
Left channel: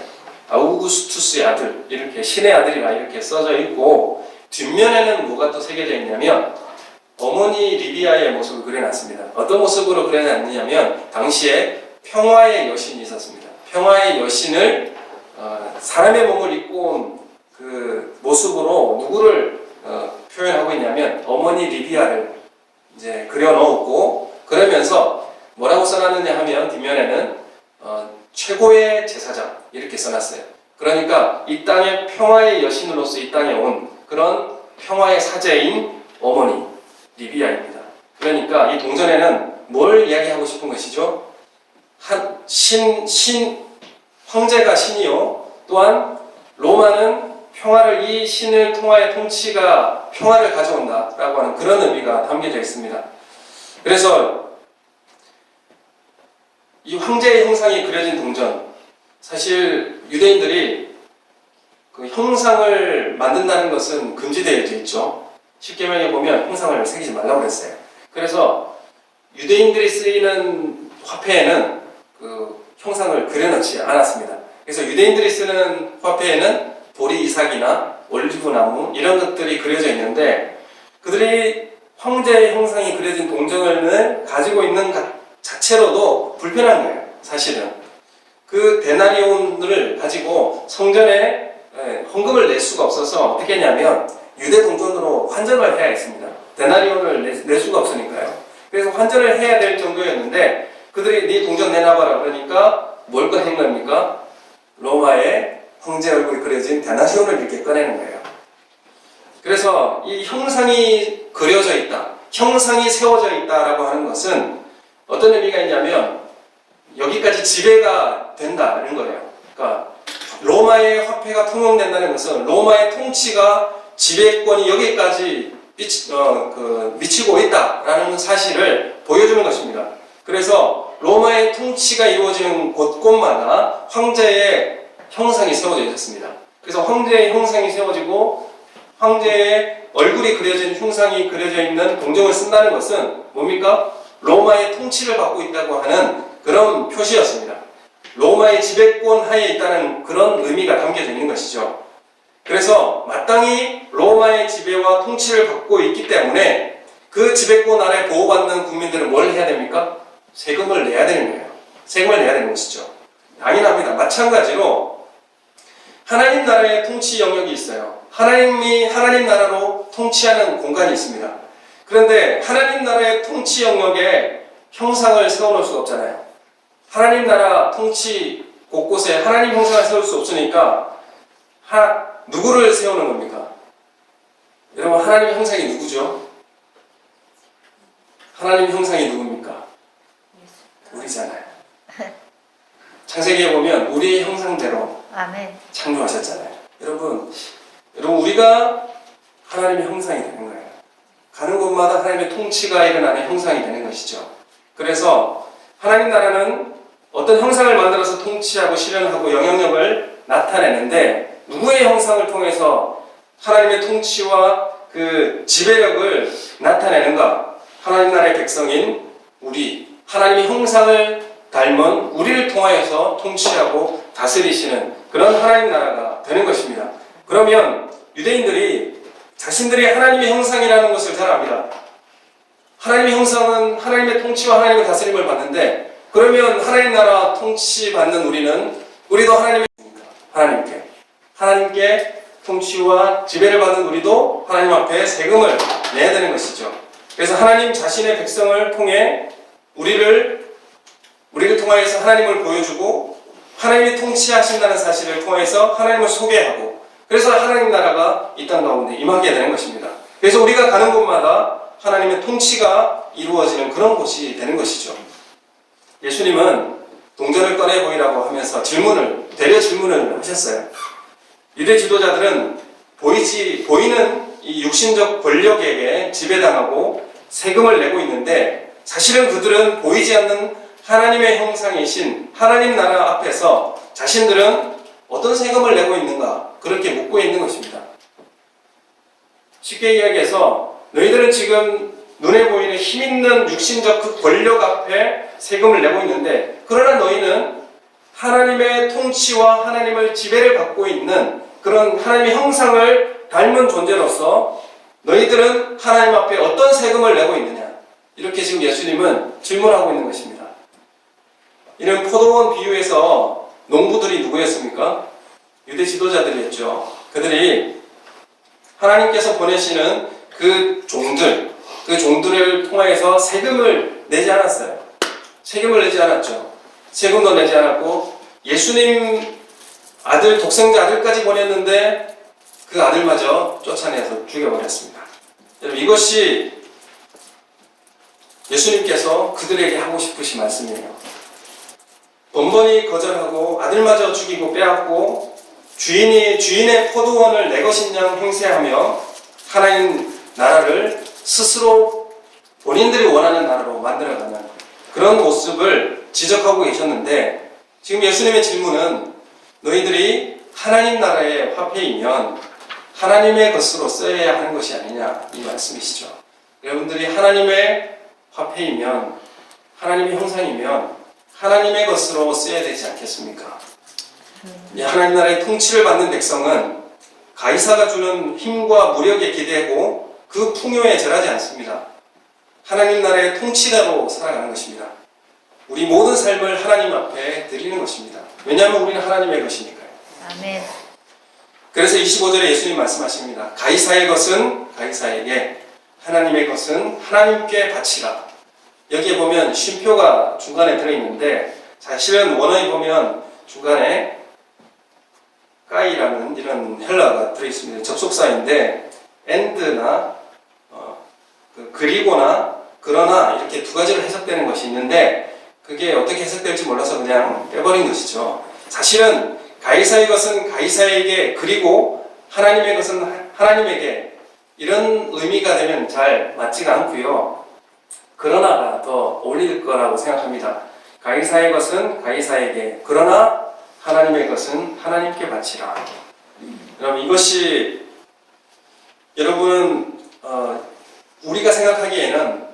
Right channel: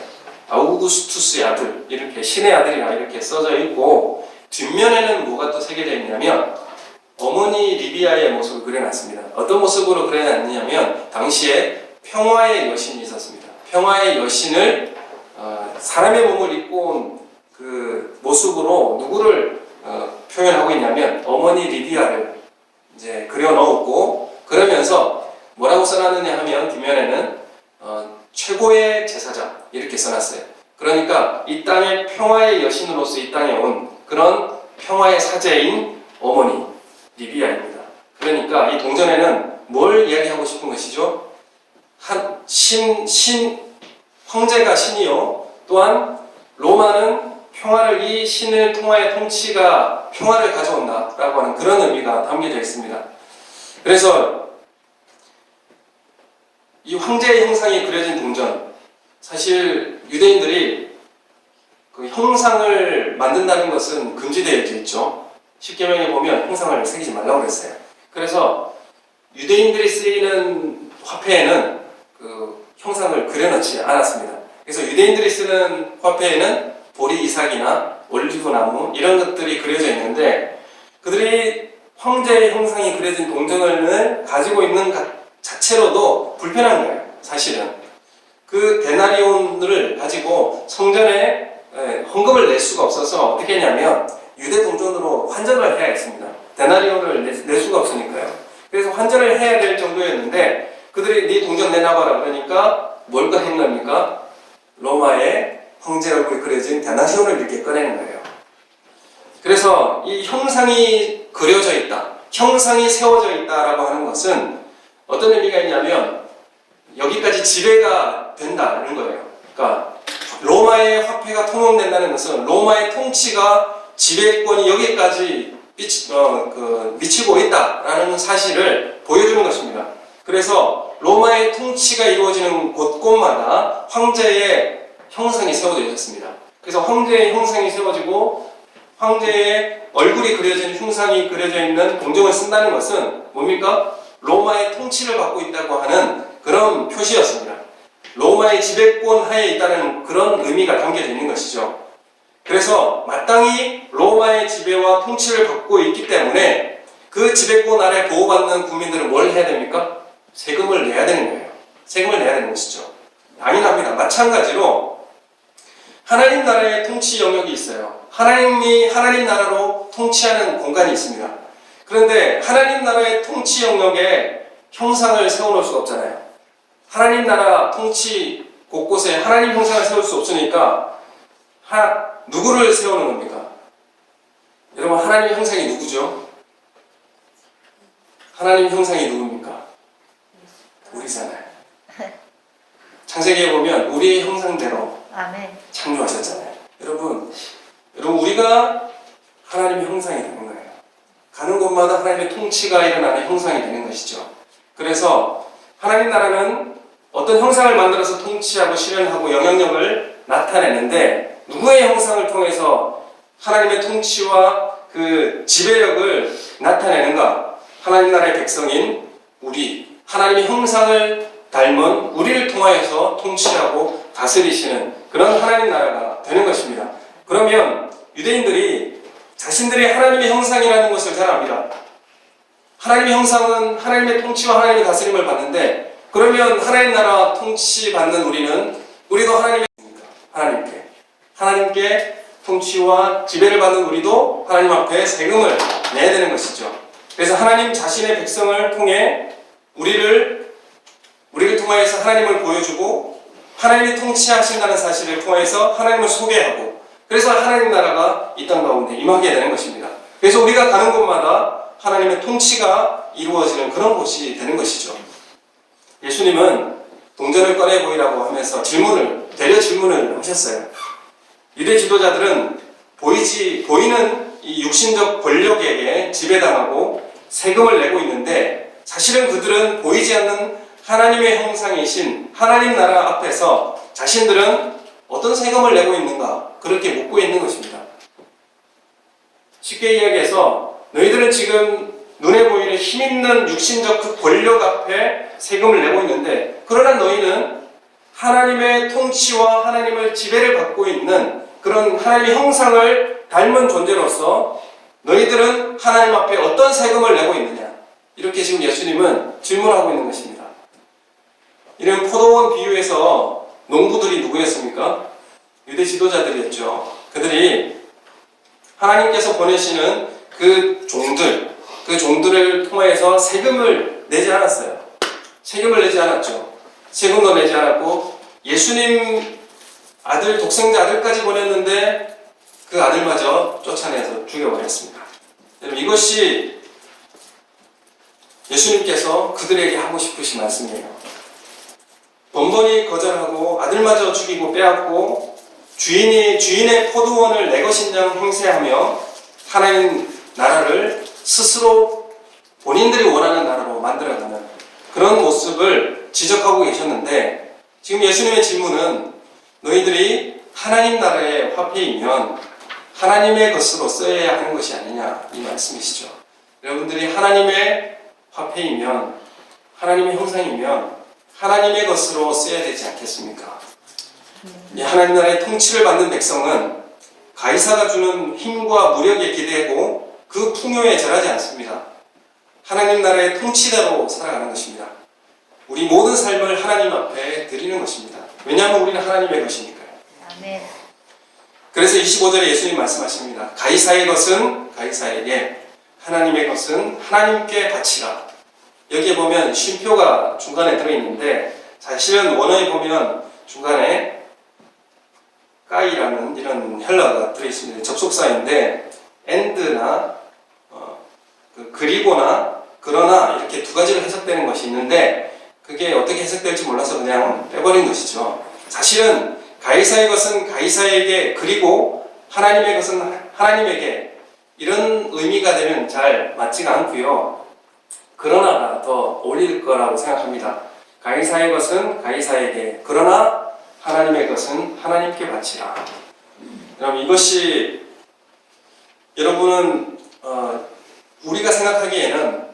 아우구스투스의 아들, 이렇게 신의 아들이다 이렇게 써져 있고 뒷면에는 뭐가 또 새겨져 있냐면 어머니 리비아의 모습을 그려놨습니다. 어떤 모습으로 그려놨냐면 당시에 평화의 여신이 있었습니다. 평화의 여신을 사람의 몸을 입고 온 그 모습으로 누구를 표현하고 있냐면 어머니 리비아를 이제 그려놓고 그러면서 뭐라고 써놨느냐 하면 뒷면에는 최고의 제사장 이렇게 써놨어요. 그러니까 이 땅의 평화의 여신으로서 이 땅에 온 그런 평화의 사제인 어머니 리비아입니다. 그러니까 이 동전에는 뭘 이야기하고 싶은 것이죠? 황제가 신이요. 또한 로마는 평화를 이 신을 통하여 통치가 평화를 가져온다라고 하는 그런 의미가 담겨져 있습니다. 그래서 이 황제의 형상이 그려진 동전, 사실 유대인들이 그 형상을 만든다는 것은 금지되어 있죠. 십계명에 보면 형상을 새기지 말라고 그랬어요. 그래서 유대인들이 쓰이는 화폐에는 그 형상을 그려놓지 않았습니다. 그래서 유대인들이 쓰는 화폐에는 보리 이삭이나 올리브 나무 이런 것들이 그려져 있는데 그들이 황제의 형상이 그려진 동전을 가지고 있는 것 자체로도 불편한 거예요. 사실은 그 데나리온을 가지고 성전에 헌금을 낼 수가 없어서 어떻게 했냐면 유대 동전으로 환전을 해야 했습니다. 데나리온을 낼 수가 없으니까요. 그래서 환전을 해야 될 정도였는데 그들이 네 동전 내놔봐라 그러니까 뭘 꺼낸 겁니까? 로마의 황제 얼굴이 그려진 데나리온을 이렇게 꺼내는 거예요. 그래서 이 형상이 그려져 있다, 형상이 세워져 있다라고 하는 것은 어떤 의미가 있냐면 여기까지 지배가 된다는 거예요. 그러니까 로마의 화폐가 통용된다는 것은 로마의 통치가 지배권이 여기까지 미치고 있다라는 사실을 보여주는 것입니다. 그래서 로마의 통치가 이루어지는 곳곳마다 황제의 형상이 세워져 있었습니다. 그래서 황제의 형상이 세워지고 황제의 얼굴이 그려진 흉상이 그려져 있는 동정을 쓴다는 것은 뭡니까? 로마의 통치를 받고 있다고 하는 그런 표시였습니다. 로마의 지배권 하에 있다는 그런 의미가 담겨져 있는 것이죠. 그래서 마땅히 로마의 지배와 통치를 받고 있기 때문에 그 지배권 아래 보호받는 국민들은 뭘 해야 됩니까? 세금을 내야 되는 거예요. 세금을 내야 되는 것이죠. 당연합니다. 마찬가지로 하나님 나라의 통치 영역이 있어요. 하나님 나라로 통치하는 공간이 있습니다. 그런데 하나님 나라의 통치 영역에 형상을 세워놓을 수가 없잖아요. 하나님 나라 통치 곳곳에 하나님 형상을 세울 수 없으니까 누구를 세우는 겁니까? 여러분, 하나님의 형상이 누구죠? 하나님 형상이 누굽니까? 우리잖아요. 창세기에 보면 우리의 형상대로 아멘. 창조하셨잖아요. 여러분 우리가 하나님의 형상이 되는 거예요. 가는 곳마다 하나님의 통치가 일어나는 형상이 되는 것이죠. 그래서 하나님 나라는 어떤 형상을 만들어서 통치하고 실현하고 영향력을 나타내는데 누구의 형상을 통해서 하나님의 통치와 그 지배력을 나타내는가? 하나님 나라의 백성인 우리, 하나님의 형상을 닮은 우리를 통하여서 통치하고 다스리시는 그런 하나님 나라가 되는 것입니다. 그러면 유대인들이 자신들이 하나님의 형상이라는 것을 잘 압니다. 하나님의 형상은 하나님의 통치와 하나님의 다스림을 받는데, 그러면 하나님 나라 통치받는 우리도 하나님께 통치와 지배를 받는 우리도 하나님 앞에 세금을 내야 되는 것이죠. 그래서 하나님 자신의 백성을 통해 우리를 통하여서 하나님을 보여주고 하나님이 통치하신다는 사실을 통해서 하나님을 소개하고, 그래서 하나님 나라가 이 땅 가운데 임하게 되는 것입니다. 그래서 우리가 가는 곳마다 하나님의 통치가 이루어지는 그런 곳이 되는 것이죠. 예수님은 동전을 꺼내 보이라고 하면서 되려 질문을 하셨어요. 유대 지도자들은 보이는 이 육신적 권력에게 지배당하고 세금을 내고 있는데, 사실은 그들은 보이지 않는 하나님의 형상이신 하나님 나라 앞에서 자신들은 어떤 세금을 내고 있는가? 그렇게 묻고 있는 것입니다. 쉽게 이야기해서 너희들은 지금 눈에 보이는 힘있는 육신적 그 권력 앞에 세금을 내고 있는데, 그러나 너희는 하나님의 통치와 하나님을 지배를 받고 있는 그런 하나님의 형상을 닮은 존재로서 너희들은 하나님 앞에 어떤 세금을 내고 있느냐? 이렇게 지금 예수님은 질문하고 있는 것입니다. 이런 포도원 비유에서 농부들이 누구였습니까? 유대 지도자들이었죠. 그들이 하나님께서 보내시는 그 종들을 통해서 세금을 내지 않았어요. 세금을 내지 않았죠. 세금도 내지 않았고, 예수님 독생자 아들까지 보냈는데 그 아들마저 쫓아내서 죽여버렸습니다. 여러분, 이것이 예수님께서 그들에게 하고 싶으신 말씀이에요. 번번이 거절하고 아들마저 죽이고 빼앗고 주인의 포도원을 내 것인 양 행세하며 하나님 나라를 스스로 본인들이 원하는 나라로 만들어가는 그런 모습을 지적하고 계셨는데, 지금 예수님의 질문은 너희들이 하나님 나라의 화폐이면 하나님의 것으로 써야 하는 것이 아니냐, 이 말씀이시죠. 여러분들이 하나님의 화폐이면, 하나님의 형상이면 하나님의 것으로 써야 되지 않겠습니까? 하나님 나라의 통치를 받는 백성은 가이사가 주는 힘과 무력에 기대고 그 풍요에 절하지 않습니다. 하나님 나라의 통치대로 살아가는 것입니다. 우리 모든 삶을 하나님 앞에 드리는 것입니다. 왜냐하면 우리는 하나님의 것이니까요. 아멘. 그래서 25절에 예수님 말씀하십니다. 가이사의 것은 가이사에게, 하나님의 것은 하나님께 바치라. 여기에 보면 쉼표가 중간에 들어있는데, 사실은 원어에 보면 중간에 까이라는 이런 헬라가 들어있습니다. 접속사인데 and나 그리고나 그러나 이렇게 두 가지로 해석되는 것이 있는데, 그게 어떻게 해석될지 몰라서 그냥 빼버린 것이죠. 사실은 가이사의 것은 가이사에게, 그리고 하나님의 것은 하나님에게, 이런 의미가 되면 잘 맞지가 않고요. 그러나가 더 어울릴 거라고 생각합니다. 가이사의 것은 가이사에게, 그러나 하나님의 것은 하나님께 바치라. 그럼 이것이 여러분은 우리가 생각하기에는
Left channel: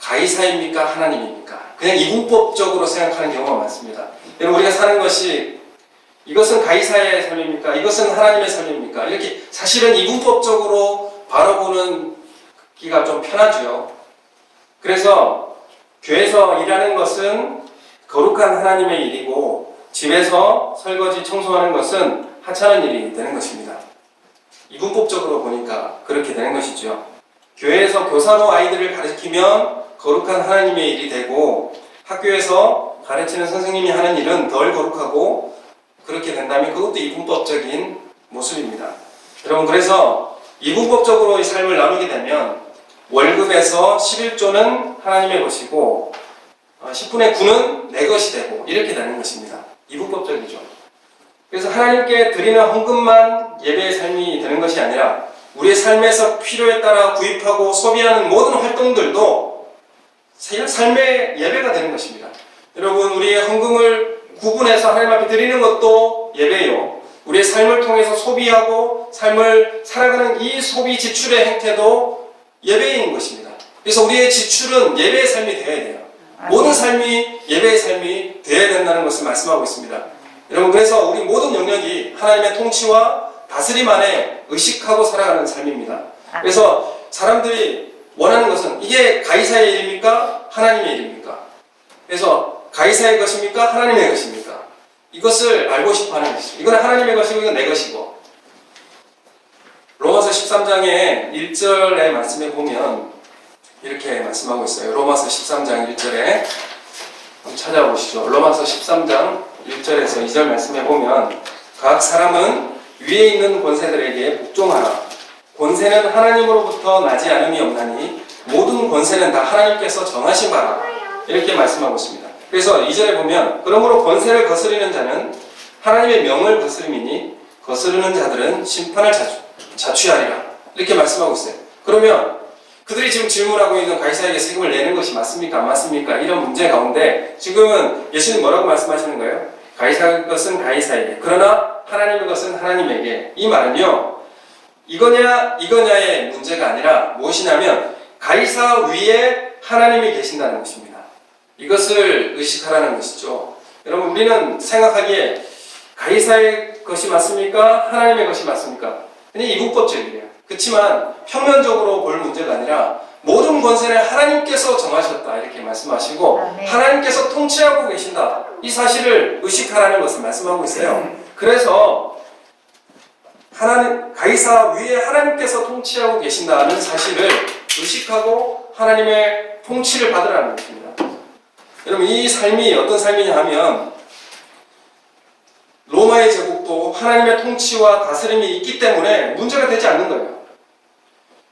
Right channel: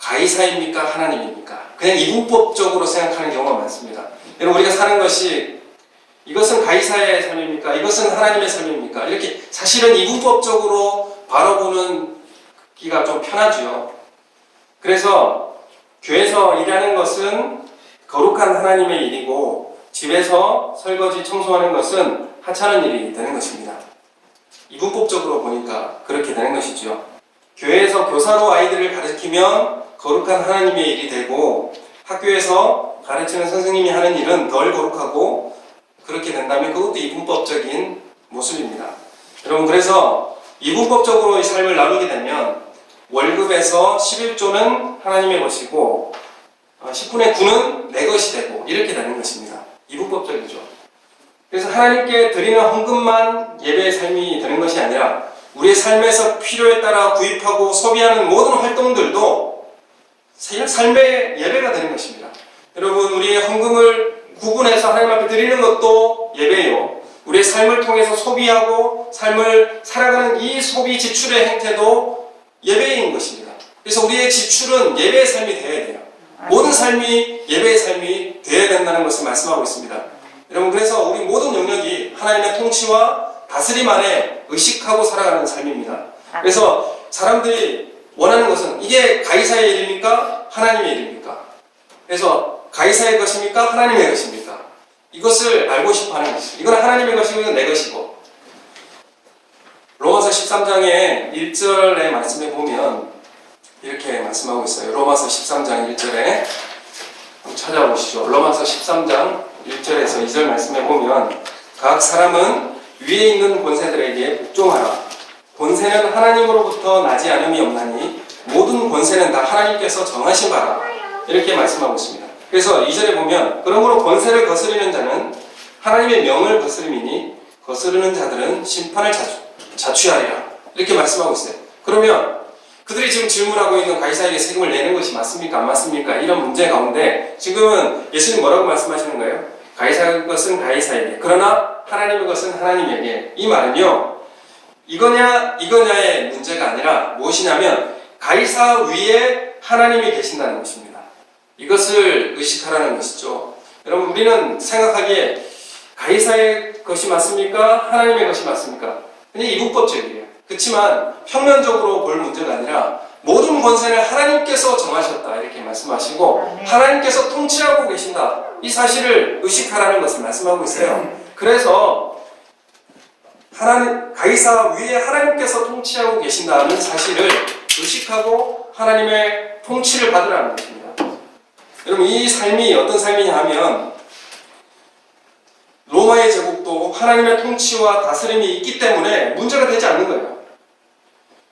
가이사입니까? 하나님입니까? 그냥 이분법적으로 생각하는 경우가 많습니다. 여러분 우리가 사는 것이 이것은 가이사의 삶입니까? 이것은 하나님의 삶입니까? 이렇게 사실은 이분법적으로 바라보는 기가 좀 편하죠. 그래서 교회에서 일하는 것은 거룩한 하나님의 일이고 집에서 설거지 청소하는 것은 하찮은 일이 되는 것입니다. 이분법적으로 보니까 그렇게 되는 것이죠. 교회에서 교사로 아이들을 가르치면 거룩한 하나님의 일이 되고 학교에서 가르치는 선생님이 하는 일은 덜 거룩하고 그렇게 된다면 그것도 이분법적인 모습입니다. 여러분 그래서 이분법적으로 이 삶을 나누게 되면 월급에서 11조는 하나님의 것이고 10분의 9는 내 것이 되고 이렇게 되는 것입니다. 이분법적이죠. 그래서 하나님께 드리는 헌금만 예배의 삶이 되는 것이 아니라 우리의 삶에서 필요에 따라 구입하고 소비하는 모든 활동들도 삶의 예배가 되는 것입니다. 여러분 우리의 헌금을 구분해서 하나님 앞에 드리는 것도 예배요. 우리의 삶을 통해서 소비하고 삶을 살아가는 이 소비 지출의 행태도 예배인 것입니다. 그래서 우리의 지출은 예배의 삶이 되어야 돼요. 모든 삶이 예배의 삶이 되어야 된다는 것을 말씀하고 있습니다. 여러분 그래서 우리 모든 영역이 하나님의 통치와 다스림 안에 의식하고 살아가는 삶입니다. 그래서 사람들이 원하는 것은 이게 가이사의 일입니까? 하나님의 일입니까? 그래서 가이사의 것입니까? 하나님의 것입니까? 이것을 알고 싶어 하는 것이죠. 이건 하나님의 것이고 이건 내 것이고. 로마서 13장의 1절의 말씀에 보면 이렇게 말씀하고 있어요. 로마서 13장 1절에 한번 찾아보시죠. 로마서 13장 1절에서 2절 말씀에 보면 각 사람은 위에 있는 권세들에게 복종하라. 권세는 하나님으로부터 나지 않음이 없나니 모든 권세는 다 하나님께서 정하신 바라. 이렇게 말씀하고 있습니다. 그래서 2절에 보면 그러므로 권세를 거스르는 자는 하나님의 명을 거스름이니 거스르는 자들은 심판을 자취하리라. 이렇게 말씀하고 있어요. 그러면 그들이 지금 질문하고 있는 가이사에게 세금을 내는 것이 맞습니까? 안 맞습니까? 이런 문제 가운데 지금은 예수님 뭐라고 말씀하시는 거예요? 가이사의 것은 가이사에게 그러나 하나님의 것은 하나님에게. 이 말은요 이거냐의 문제가 아니라 무엇이냐면 가이사 위에 하나님이 계신다는 것입니다. 이것을 의식하라는 것이죠. 여러분 우리는 생각하기에 가이사의 것이 맞습니까? 하나님의 것이 맞습니까? 그냥 이분법적이에요. 그렇지만 평면적으로 볼 문제가 아니라 모든 권세를 하나님께서 정하셨다 이렇게 말씀하시고 하나님께서 통치하고 계신다 이 사실을 의식하라는 것을 말씀하고 있어요. 그래서 가이사 위에 하나님께서 통치하고 계신다는 사실을 의식하고 하나님의 통치를 받으라는 것입니다. 여러분 이 삶이 어떤 삶이냐 하면 로마의 제국도 하나님의 통치와 다스림이 있기 때문에 문제가 되지 않는 거예요.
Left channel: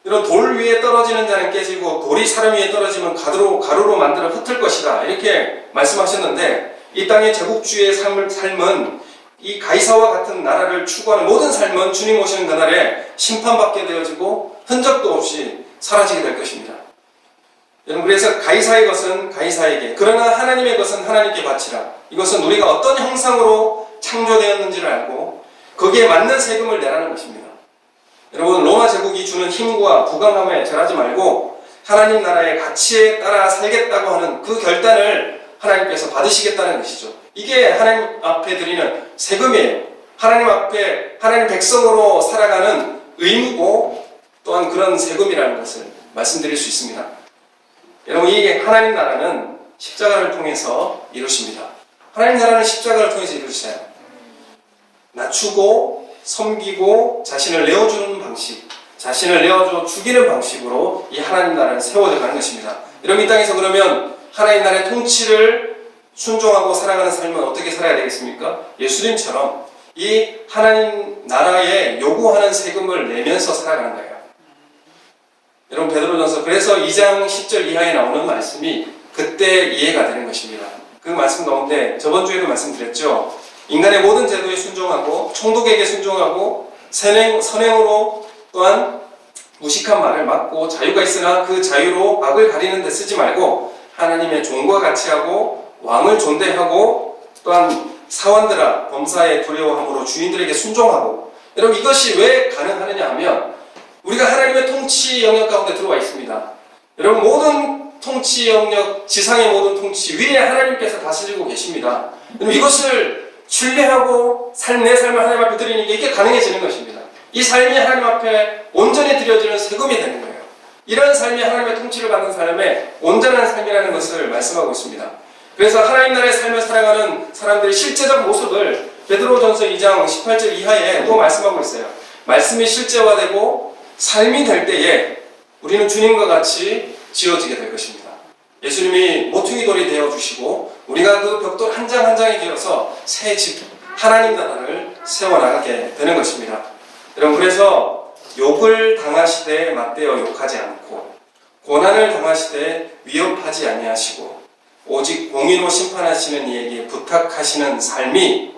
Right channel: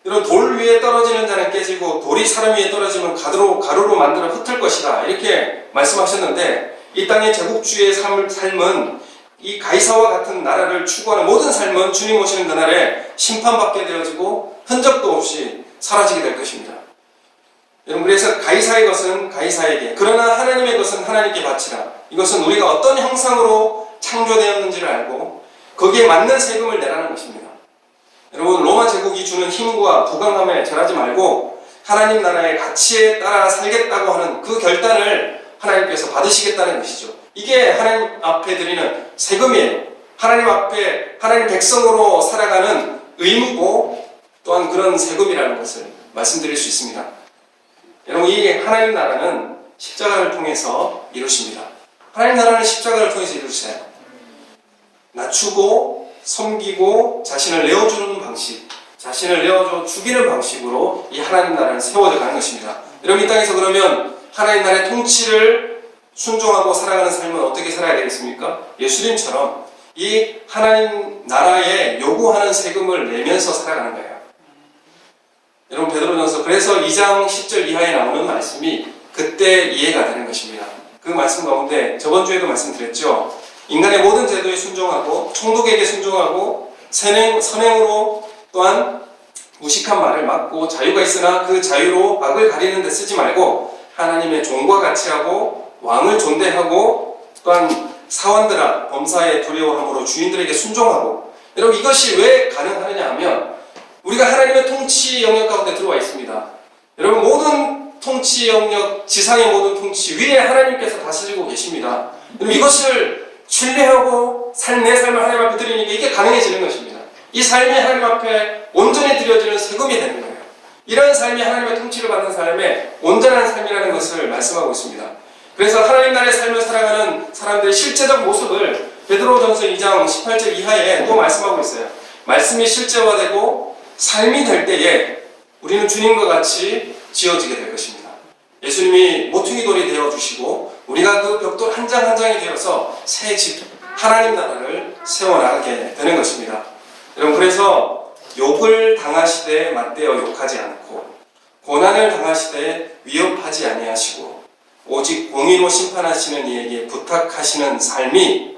이런 돌 위에 떨어지는 자는 깨지고 돌이 사람 위에 떨어지면 가루로 만들어 흩을 것이다 이렇게 말씀하셨는데 이 땅의 제국주의의 삶은 이 가이사와 같은 나라를 추구하는 모든 삶은 주님 오시는 그날에 심판받게 되어지고 흔적도 없이 사라지게 될 것입니다. 여러분 그래서 가이사의 것은 가이사에게 그러나 하나님의 것은 하나님께 바치라. 이것은 우리가 어떤 형상으로 창조되었는지를 알고 거기에 맞는 세금을 내라는 것입니다. 여러분 로마 제국이 주는 힘과 부강함에 절하지 말고 하나님 나라의 가치에 따라 살겠다고 하는 그 결단을 하나님께서 받으시겠다는 것이죠. 이게 하나님 앞에 드리는 세금이에요. 하나님 앞에 하나님 백성으로 살아가는 의무고 또한 그런 세금이라는 것을 말씀드릴 수 있습니다. 여러분 이 하나님 나라는 십자가를 통해서 이루십니다. 하나님 나라는 십자가를 통해서 이루시나요? 낮추고 섬기고 자신을 내어주는 방식, 자신을 내어줘 죽이는 방식으로 이 하나님 나라는 세워져 가는 것입니다. 여러분 이 땅에서 그러면 하나님 나라의 통치를 순종하고 살아가는 삶은 어떻게 살아야 되겠습니까? 예수님처럼 이 하나님 나라에 요구하는 세금을 내면서 살아가는 거예요. 여러분 베드로전서 그래서 2장 10절 이하에 나오는 말씀이 그때 이해가 되는 것입니다. 그 말씀 가운데 저번 주에도 말씀드렸죠. 인간의 모든 제도에 순종하고 총독에게 순종하고 선행으로 또한 무식한 말을 막고 자유가 있으나 그 자유로 악을 가리는 데 쓰지 말고 하나님의 종과 같이 하고 왕을 존대하고 또한 사원들아 범사에 두려워함으로 주인들에게 순종하고. 여러분 이것이 왜 가능하느냐 하면 우리가 하나님의 통치 영역 가운데 들어와 있습니다. 여러분 모든 통치 영역, 지상의 모든 통치 위에 하나님께서 다스리고 계십니다. 이것을 신뢰하고 내 삶을 하나님 앞에 드리니까 이게 가능해지는 것입니다. 이 삶이 하나님 앞에 온전히 드려지는 세금이 되는 거예요. 이런 삶이 하나님의 통치를 받는 삶의 온전한 삶이라는 것을 말씀하고 있습니다. 그래서 하나님 나라의 삶을 살아가는 사람들의 실제적 모습을 베드로전서 2장 18절 이하에 또 말씀하고 있어요. 말씀이 실제화되고 삶이 될 때에 우리는 주님과 같이 지어지게 될 것입니다. 예수님이 모퉁이 돌이 되어주시고 우리가 그 벽돌 한 장 한 장이 되어서 새 집, 하나님 나라를 세워나가게 되는 것입니다. 여러분 그래서 욕을 당하시되 맞대어 욕하지 않고 고난을 당하시되 위협하지 아니하시고 오직 공의로 심판하시는 이에게 부탁하시는 삶이,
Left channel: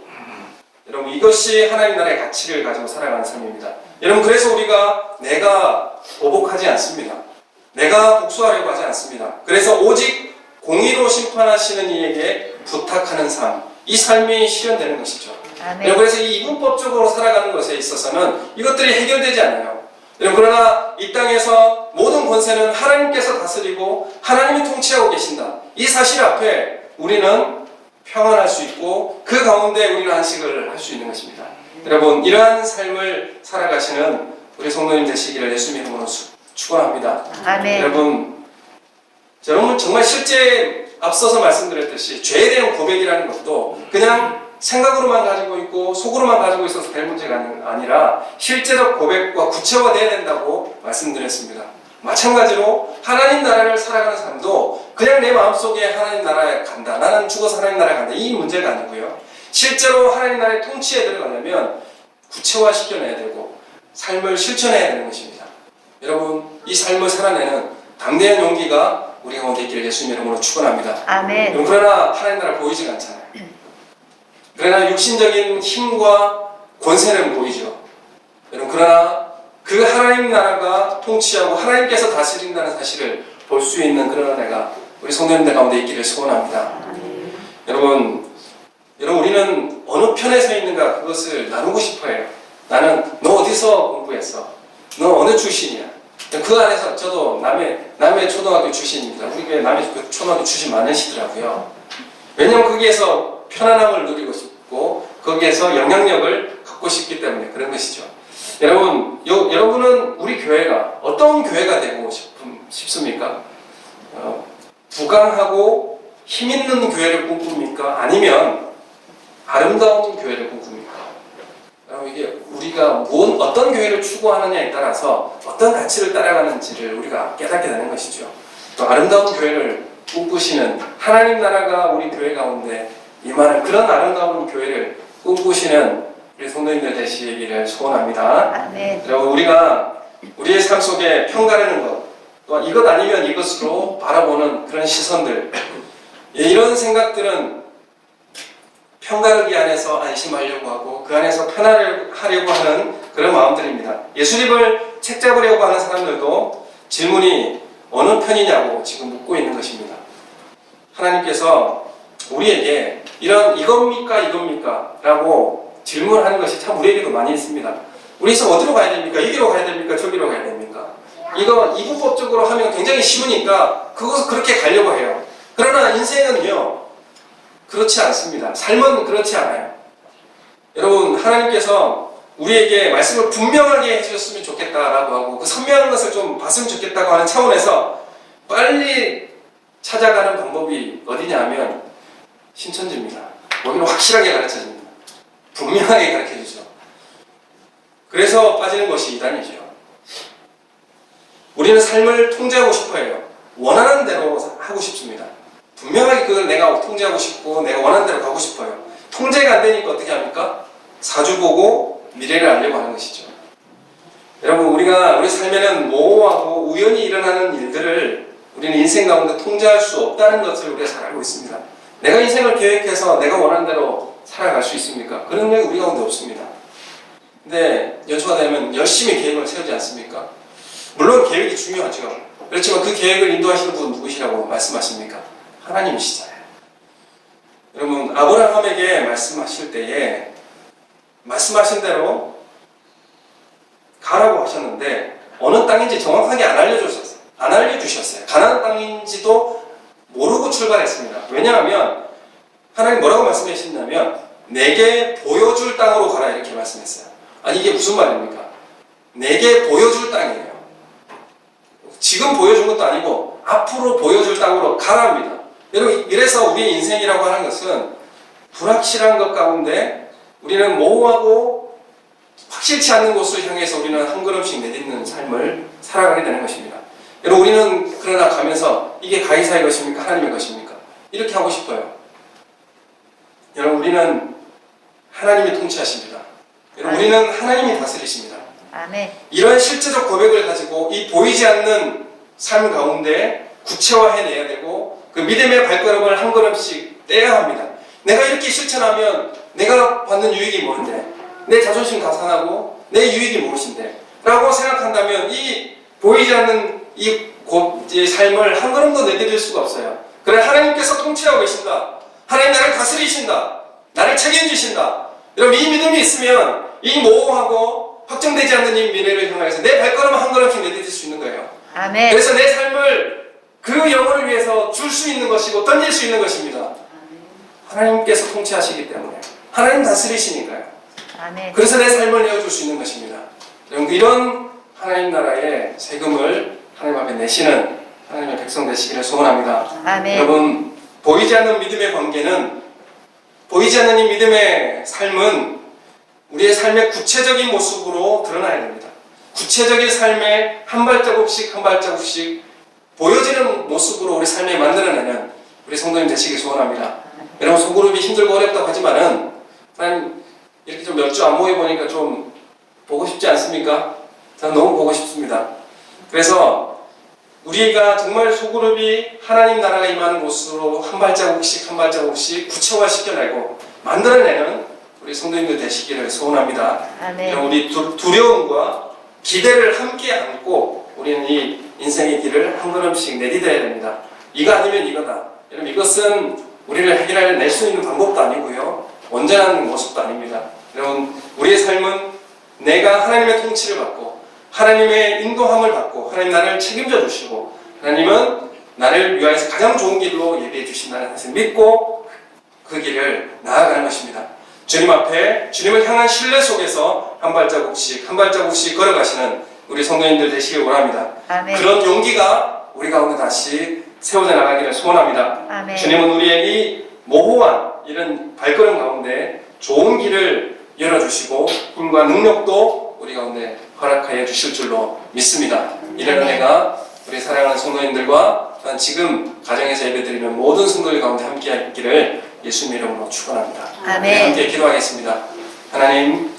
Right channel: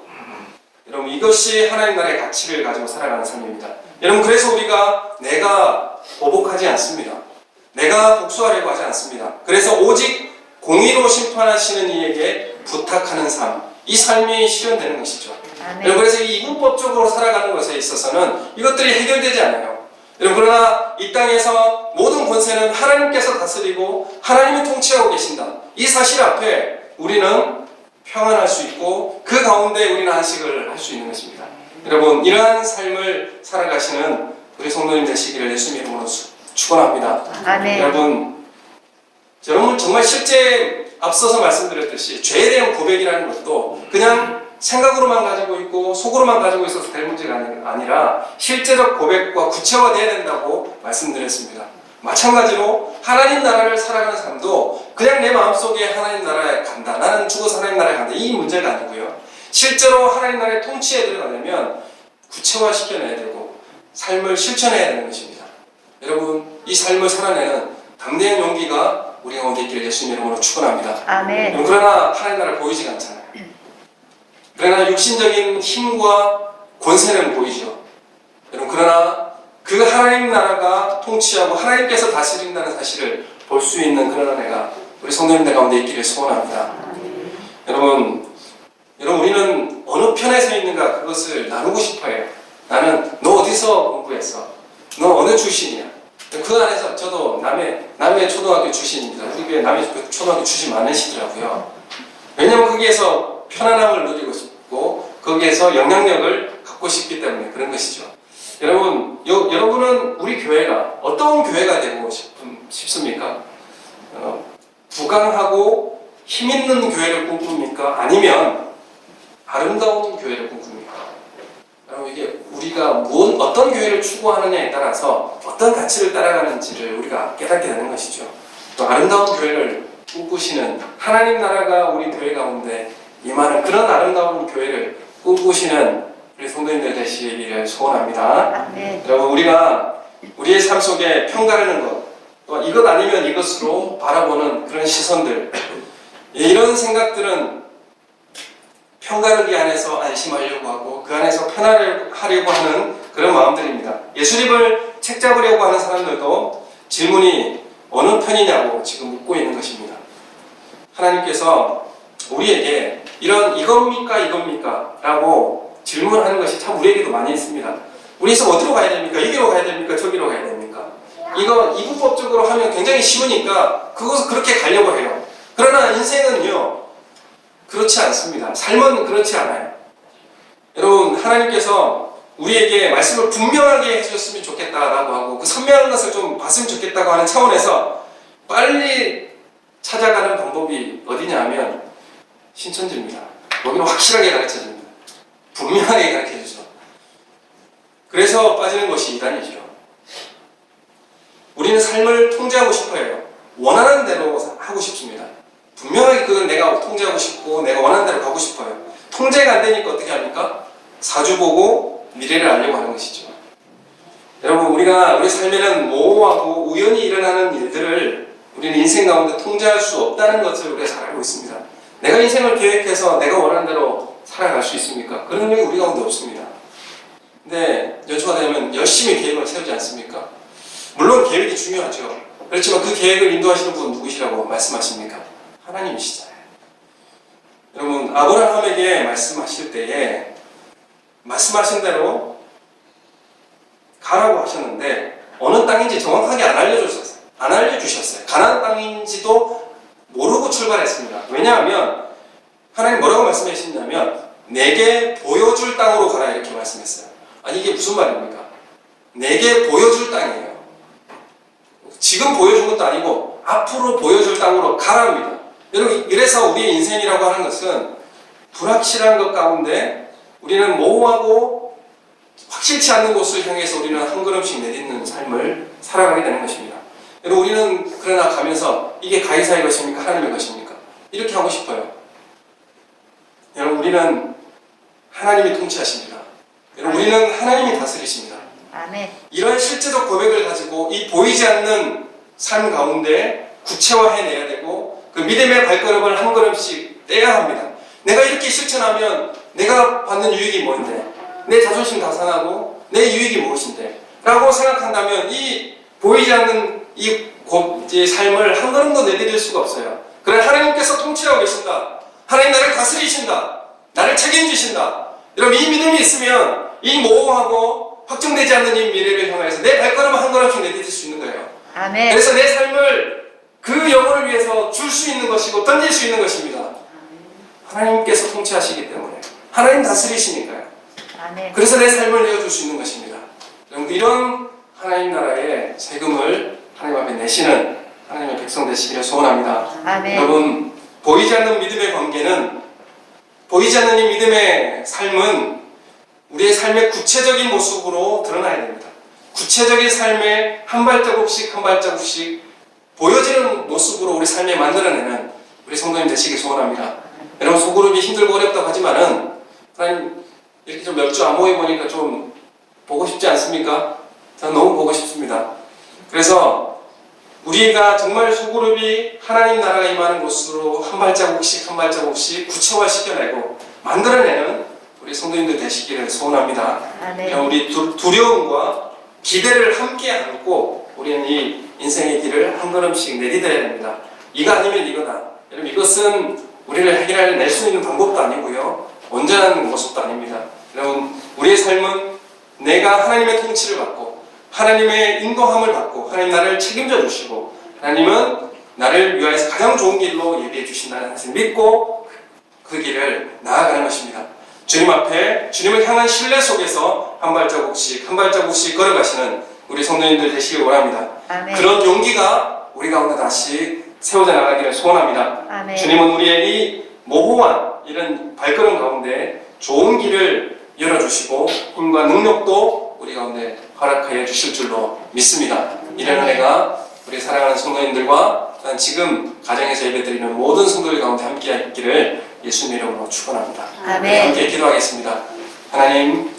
여러분 이것이 하나님 나라의 가치를 가지고 살아가는 삶입니다. 여러분 그래서 우리가 내가 보복하지 않습니다. 내가 복수하려고 하지 않습니다. 그래서 오직 공의로 심판하시는 이에게 부탁하는 삶, 이 삶이 실현되는 것이죠. 여러분 그래서 이 이분법적으로 살아가는 것에 있어서는 이것들이 해결되지 않아요. 여러분 그러나 이 땅에서 모든 권세는 하나님께서 다스리고 하나님이 통치하고 계신다. 이 사실 앞에 우리는 평안할 수 있고 그 가운데 우리는 안식을 할 수 있는 것입니다. 여러분 이러한 삶을 살아가시는 우리 성도님 되시기를 예수님 이름으로 축원합니다. 아멘. 여러분 정말 실제 앞서서 말씀드렸듯이 죄에 대한 고백이라는 것도 그냥 생각으로만 가지고 있고 속으로만 가지고 있어서 될 문제가 아니라 실제적 고백과 구체화되어야 된다고 말씀드렸습니다. 마찬가지로 하나님 나라를 살아가는 사람도 그냥 내 마음속에 하나님 나라에 간다, 나는 죽어서 하나님 나라에 간다, 이 문제가 아니고요. 실제로 하나님 나라의 통치에 들어가려면 구체화시켜내야 되고 삶을 실천해야 되는 것입니다. 여러분 이 삶을 살아내는 담대한 용기가 우리 가운데 있기를 예수님 이름으로 축원합니다. 아멘. 그러나 하나님 나라 보이지가 않잖아요. 그러나 육신적인 힘과 권세는 보이죠. 여러분 그러나 그 하나님 나라가 통치하고 하나님께서 다스린다는 사실을 볼 수 있는 그런 은혜가 우리 성도님들 가운데 있기를 소원합니다. 여러분 우리는 어느 편에 서 있는가 그것을 나누고 싶어요. 나는 너 어디서 공부했어? 너 어느 출신이야? 그 안에서 저도 남해 초등학교 출신입니다. 우리 교회 남해 초등학교 출신 많으시더라고요. 왜냐하면 거기에서 편안함을 누리고 싶고 거기에서 영향력을 갖고 싶기 때문에 그런 것이죠. 여러분은 우리 교회가 어떤 교회가 되고 싶습니까? 부강하고 힘있는 교회를 꿈꿉니까? 아니면 아름다운 교회를 꿈꿉니까? 이게 우리가 어떤 교회를 추구하느냐에 따라서 어떤 가치를 따라가는지를 우리가 깨닫게 되는 것이죠. 또 아름다운 교회를 꿈꾸시는 하나님 나라가 우리 교회 가운데 임하는 그런 아름다운 교회를 꿈꾸시는 우리 성도님들 되시기를 소원합니다. 아멘. 여러분 우리가 우리의 삶 속에 편가르는 것, 또 이것 아니면 이것으로 바라보는 그런 시선들, 이런 생각들은 편가르기 안에서 안심하려고 하고 그 안에서 편하려고 하는 그런 마음들입니다. 예수님을 책잡으려고 하는 사람들도 질문이 어느 편이냐고 지금 묻고 있는 것입니다. 하나님께서 우리에게 이겁니까? 라고 질문하는 것이 참 우리에게도 많이 있습니다. 우리에서 어디로 가야 됩니까? 이기로 가야 됩니까? 저기로 가야 됩니까? 이거 이분법적으로 하면 굉장히 쉬우니까 그것을 그렇게 가려고 해요. 그러나 인생은요 그렇지 않습니다. 삶은 그렇지 않아요. 여러분 하나님께서 우리에게 말씀을 분명하게 해주셨으면 좋겠다라고 하고 그 선명한 것을 좀 봤으면 좋겠다고 하는 차원에서 빨리 찾아가는 방법이 어디냐 하면 신천지입니다. 거기는 확실하게 가르쳐줍니다. 분명하게 가르쳐주죠. 그래서 빠지는 것이 이단이죠. 우리는 삶을 통제하고 싶어 해요. 원하는 대로 하고 싶습니다. 분명하게 그걸 내가 통제하고 싶고 내가 원하는 대로 가고 싶어요. 통제가 안 되니까 어떻게 합니까? 사주 보고 미래를 알려고 하는 것이죠. 여러분 우리 삶에는 모호하고 우연히 일어나는 일들을 우리는 인생 가운데 통제할 수 없다는 것을 우리가 잘 알고 있습니다. 내가 인생을 계획해서 내가 원하는 대로 살아갈 수 있습니까? 그런 능력이 우리 가운데 없습니다. 근데 연초가 되면 열심히 계획을 세우지 않습니까? 물론 계획이 중요하죠. 그렇지만 그 계획을 인도하시는 분은 누구시라고 말씀하십니까? 하나님이시잖아요. 여러분 아브라함에게 말씀하실 때에 말씀하신 대로 가라고 하셨는데 어느 땅인지 정확하게 안 알려주셨어요. 가나안 땅인지도 모르고 출발했습니다. 왜냐하면 하나님 뭐라고 말씀하셨냐면 내게 보여줄 땅으로 가라 이렇게 말씀했어요. 아니 이게 무슨 말입니까? 내게 보여줄 땅이에요. 지금 보여준 것도 아니고 앞으로 보여줄 땅으로 가라입니다. 여러분 이래서 우리의 인생이라고 하는 것은 불확실한 것 가운데 우리는 모호하고 확실치 않는 곳을 향해서 우리는 한 걸음씩 내딛는 삶을 살아가게 되는 것입니다. 여러분 우리는 그러나 가면서 이게 가이사의 것입니까? 하나님의 것입니까? 이렇게 하고 싶어요. 여러분 우리는 하나님이 통치하십니다. 여러분 우리는 하나님이 다스리십니다. 아멘. 이런 실제적 고백을 가지고 이 보이지 않는 삶 가운데 구체화해내야 되고 그 믿음의 발걸음을 한 걸음씩 떼야 합니다. 내가 이렇게 실천하면 내가 받는 유익이 뭔데? 내 자존심 다 상하고 내 유익이 무엇인데? 라고 생각한다면 이 보이지 않는 이 삶을 한 걸음도 내디딜 수가 없어요. 그러나 하나님께서 통치하고 계신다. 하나님 나를 다스리신다. 나를 책임지신다. 여러분 이 믿음이 있으면 이 모호하고 확정되지 않는 이 미래를 향해서 내 발걸음을 한 걸음씩 내디딜 수 있는 거예요. 아멘. 그래서 내 삶을 그 영혼을 위해서 줄 수 있는 것이고 던질 수 있는 것입니다. 하나님께서 통치하시기 때문에 하나님 다스리시니까요. 아멘. 그래서 내 삶을 내어줄 수 있는 것입니다. 여러분 이런 하나님 나라의 세금을 하나님 앞에 내시는 하나님의 백성 되시기를 소원합니다. 아멘. 여러분 보이지 않는 믿음의 관계는 보이지 않는 이 믿음의 삶은 우리의 삶의 구체적인 모습으로 드러나야 됩니다. 구체적인 삶의 한 발자국씩 한 발자국씩 보여지는 모습으로 우리 삶에 만들어내는 우리 성도님 되시길 소원합니다. 여러분 소그룹이 힘들고 어렵다고 하지만은 하나님 이렇게 좀 몇 주 안 모여보니까 좀 보고 싶지 않습니까? 저는 너무 보고 싶습니다. 그래서 우리가 정말 소그룹이 하나님 나라가 임하는 곳으로 한 발자국씩 한 발자국씩 구체화시켜내고 만들어내는 우리 성도님들 되시기를 소원합니다. 아멘. 우리 두려움과 기대를 함께 안고 우리는 이 인생의 길을 한 걸음씩 내디뎌야 됩니다. 이거 아니면 이거다. 여러분 이것은 우리를 해결할 수 있는 방법도 아니고요. 온전한 모습도 아닙니다. 여러분 우리의 삶은 내가 하나님의 통치를 받고 하나님의 인도함을 받고 하나님 나를 책임져 주시고 하나님은 나를 위하여서 가장 좋은 길로 예비해 주신다는 것을 믿고 그 길을 나아가는 것입니다. 주님 앞에 주님을 향한 신뢰 속에서 한 발자국씩 한 발자국씩 걸어가시는 우리 성도님들 되시길 원합니다. 아멘. 그런 용기가 우리 가운데 다시 세워져 나가기를 소원합니다. 아멘. 주님은 우리의 이 모호한 이런 발걸음 가운데 좋은 길을 열어주시고 힘과 능력도 우리 가운데 허락하여 주실 줄로 믿습니다. 이런 은혜가 우리 사랑하는 성도님들과 지금 가정에서 예배드리는 모든 성도들 가운데 함께 있기를 예수님 이름으로 축원합니다. 아멘. 함께 기도하겠습니다. 하나님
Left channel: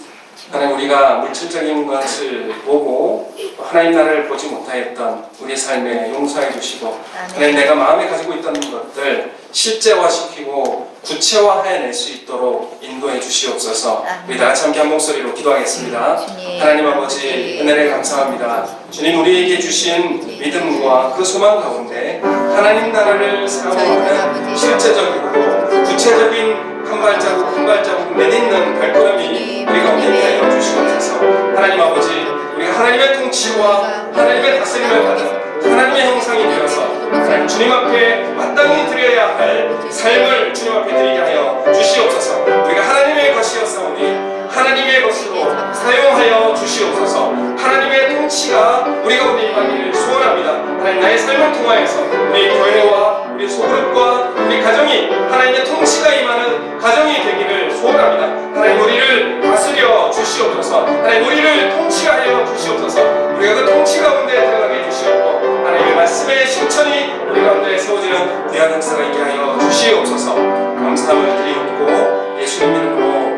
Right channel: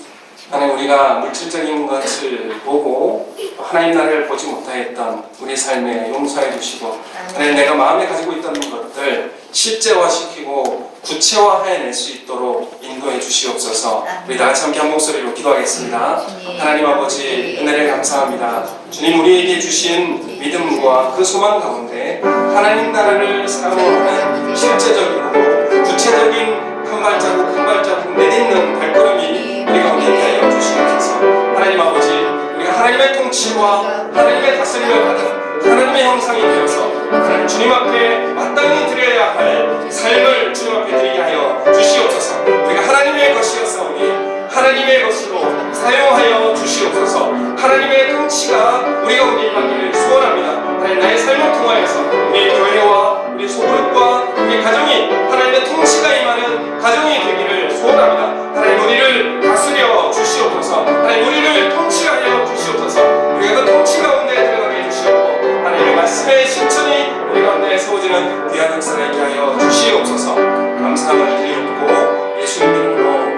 우리가 물질적인 것을 보고 하나님 나라를 보지 못하였던 우리 삶에 용서해 주시고 하나님 내가 마음에 가지고 있던 것들 실제화시키고 구체화해낼 수 있도록 인도해 주시옵소서. 우리 다같이 함께 한 목소리로 기도하겠습니다. 하나님 아버지 은혜를 감사합니다. 주님 우리에게 주신 믿음과 그 소망 가운데 하나님 나라를 사모하는 실제적이고 구체적인 한 발자국 한 발자국 내딛는 발걸음이 우리 가운데 하여 주시옵소서. 하나님 아버지 우리가 하나님의 통치와 하나님의 다스림을 받은 하나님의 형상이 되어서 하나님 주님 앞에 마땅히 드려야 할 삶을 주님 앞에 드리게 하여 주시옵소서. 우리가 하나님의 것이었사오니 하나님의 것으로 사용하여 주시옵소서. 하나님의 통치가 우리 가운데 임하기를 소원합니다. 하나님 나의 삶을 통하여서 우리 교회와 우리 소그룹과 우리 가정이 하나님의 통치가 임하는 가정이 되기를 소원합니다. 하나님 우리를 다스려 주시옵소서. 하나님 우리를 통치하여 주시옵소서. 우리가 그 통치 가운데 들어가게 해주시옵고 하나님의 말씀의 실천이 우리 가운데 세워지는 귀한 역사가 있게 하여 주시옵소서. 감사함을 드리옵고 예수님 이름으로